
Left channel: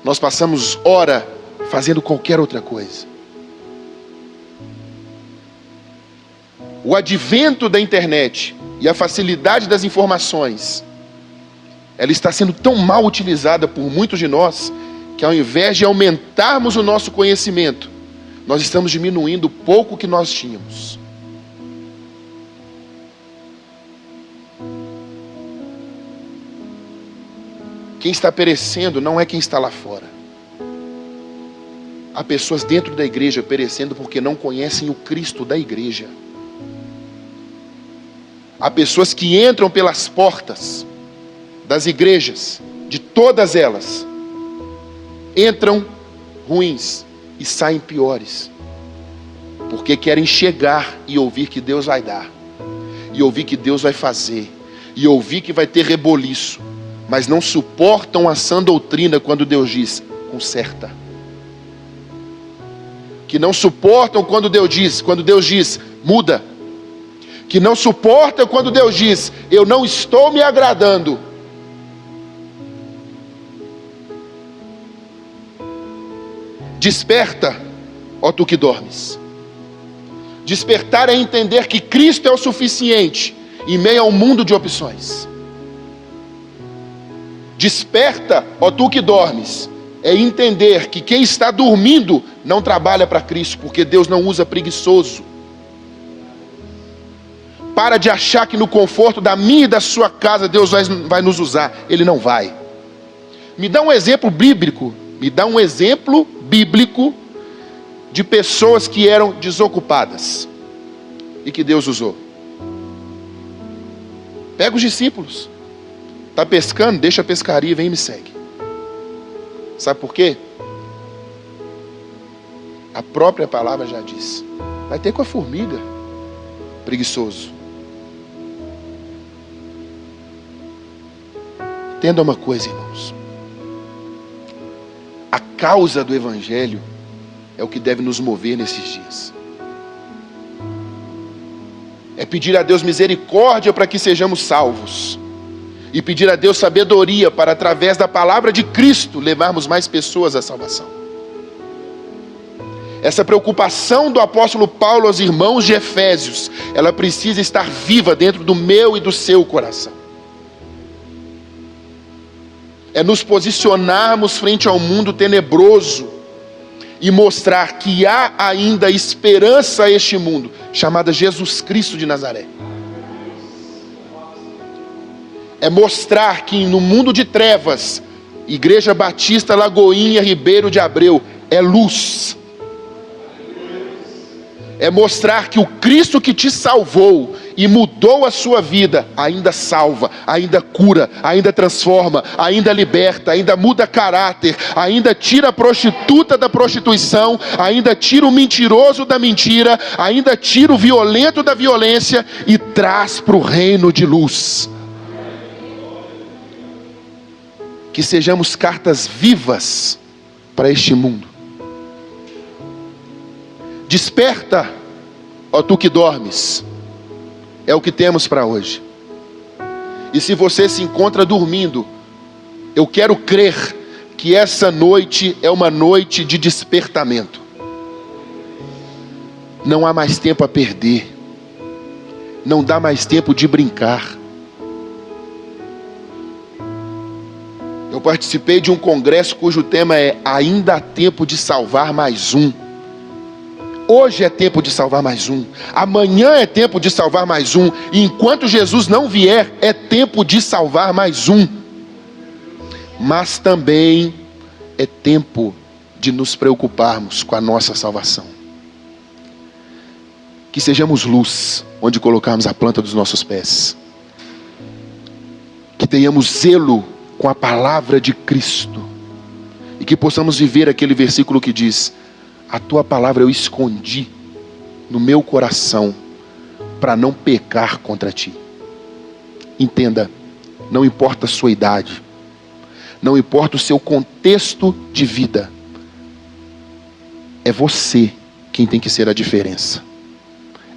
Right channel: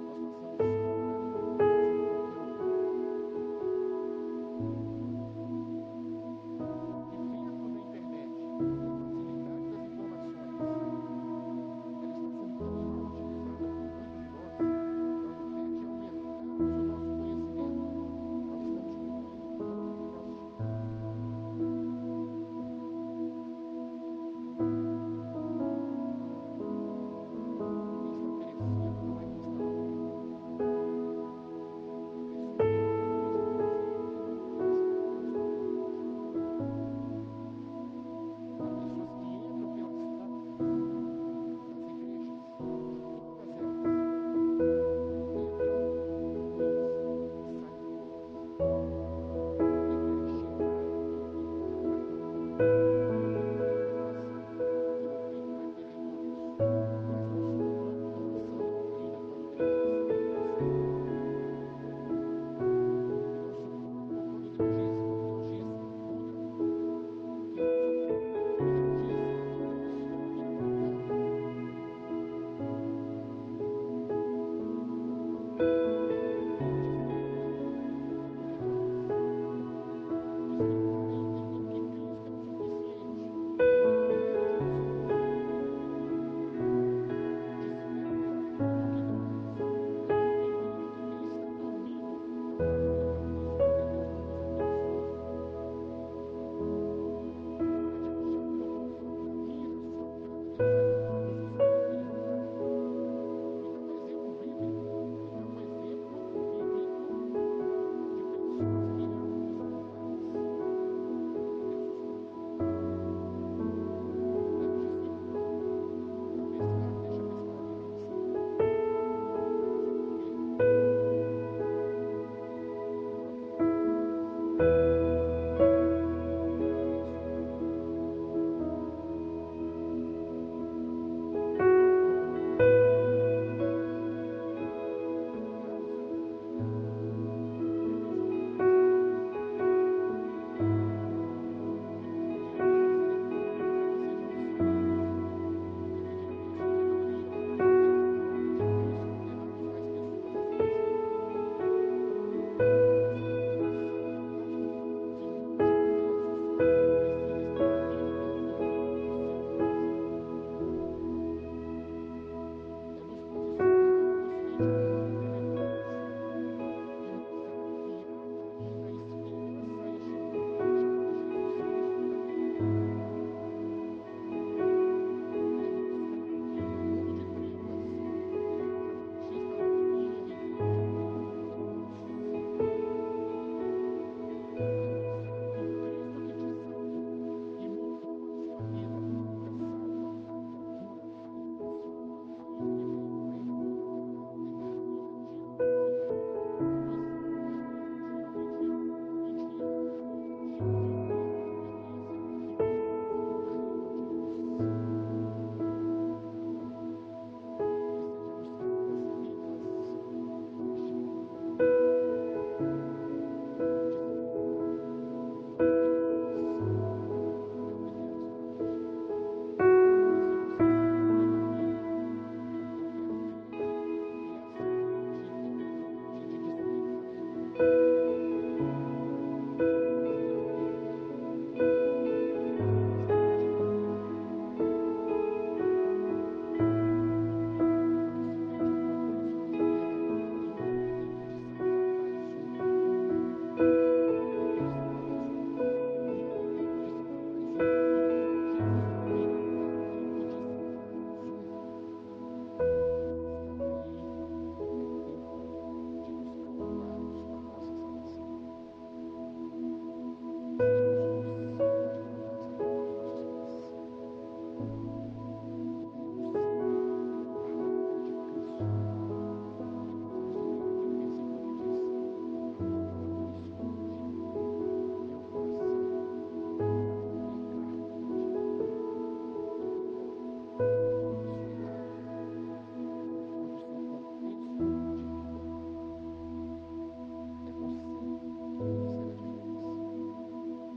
nós passamos hora fazendo qualquer outra coisa. O advento da internet e a facilidade das informações, ela está sendo tão mal utilizada por muitos de nós, que ao invés de aumentarmos o nosso conhecimento, nós estamos diminuindo o pouco que nós tínhamos. Quem está perecendo não é quem está lá fora. Há pessoas dentro da igreja perecendo porque não conhecem o Cristo da igreja. Há pessoas que entram pelas portas das igrejas, de todas elas, entram ruins e saem piores, porque querem chegar e ouvir que Deus vai dar, e ouvir que Deus vai fazer, e ouvir que vai ter reboliço, mas não suportam a sã doutrina quando Deus diz, conserta. Que não suportam quando Deus diz, muda. Que não suportam quando Deus diz, eu não estou me agradando. Desperta, ó tu que dormes. Despertar é entender que Cristo é o suficiente em meio a um mundo de opções. Desperta, ó tu que dormes, é entender que quem está dormindo não trabalha para Cristo, porque Deus não usa preguiçoso. Para de achar que no conforto da minha e da sua casa Deus vai nos usar. Ele não vai. Me dá um exemplo bíblico. De pessoas que eram desocupadas e que Deus usou. Pega os discípulos. Está pescando? Deixa a pescaria, vem e me segue. Sabe por quê? A própria palavra já diz. Vai ter com a formiga. Preguiçoso. Entenda uma coisa, irmãos. A causa do Evangelho é o que deve nos mover nesses dias. É pedir a Deus misericórdia para que sejamos salvos. E pedir a Deus sabedoria para, através da palavra de Cristo, levarmos mais pessoas à salvação. Essa preocupação do apóstolo Paulo aos irmãos de Efésios, ela precisa estar viva dentro do meu e do seu coração. É nos posicionarmos frente ao mundo tenebroso e mostrar que há ainda esperança a este mundo, chamada Jesus Cristo de Nazaré. É mostrar que no mundo de trevas, Igreja Batista Lagoinha Ribeiro de Abreu é luz. É mostrar que o Cristo que te salvou e mudou a sua vida, ainda salva, ainda cura, ainda transforma, ainda liberta, ainda muda caráter, ainda tira a prostituta da prostituição, ainda tira o mentiroso da mentira, ainda tira o violento da violência e traz para o reino de luz. Que sejamos cartas vivas para este mundo. Desperta, ó tu que dormes. É o que temos para hoje. E se você se encontra dormindo, eu quero crer que essa noite é uma noite de despertamento. Não há mais tempo a perder. Não dá mais tempo de brincar. Eu participei de um congresso cujo tema é Ainda há tempo de salvar mais um. Hoje é tempo de salvar mais um. Amanhã é tempo de salvar mais um. E enquanto Jesus não vier, é tempo de salvar mais um. Mas também é tempo de nos preocuparmos com a nossa salvação. Que sejamos luz onde colocarmos a planta dos nossos pés. Que tenhamos zelo com a palavra de Cristo. E que possamos viver aquele versículo que diz: a tua palavra eu escondi no meu coração para não pecar contra ti. Entenda, não importa a sua idade, não importa o seu contexto de vida, é você quem tem que ser a diferença.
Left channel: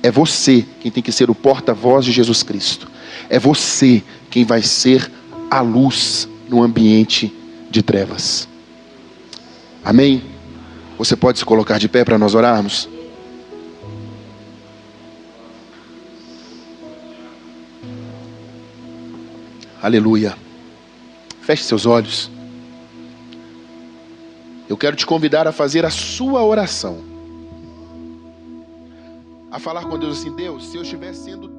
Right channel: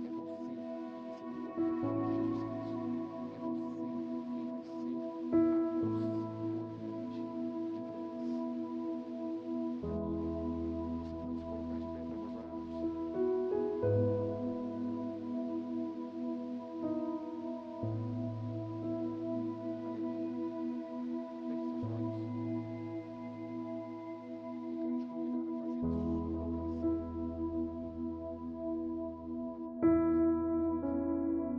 É você quem tem que ser o porta-voz de Jesus Cristo. É você quem vai ser a luz no ambiente de trevas. Amém? Você pode se colocar de pé para nós orarmos? Aleluia. Feche seus olhos. Eu quero te convidar a fazer a sua oração. A falar com Deus assim: Deus, se eu estiver sendo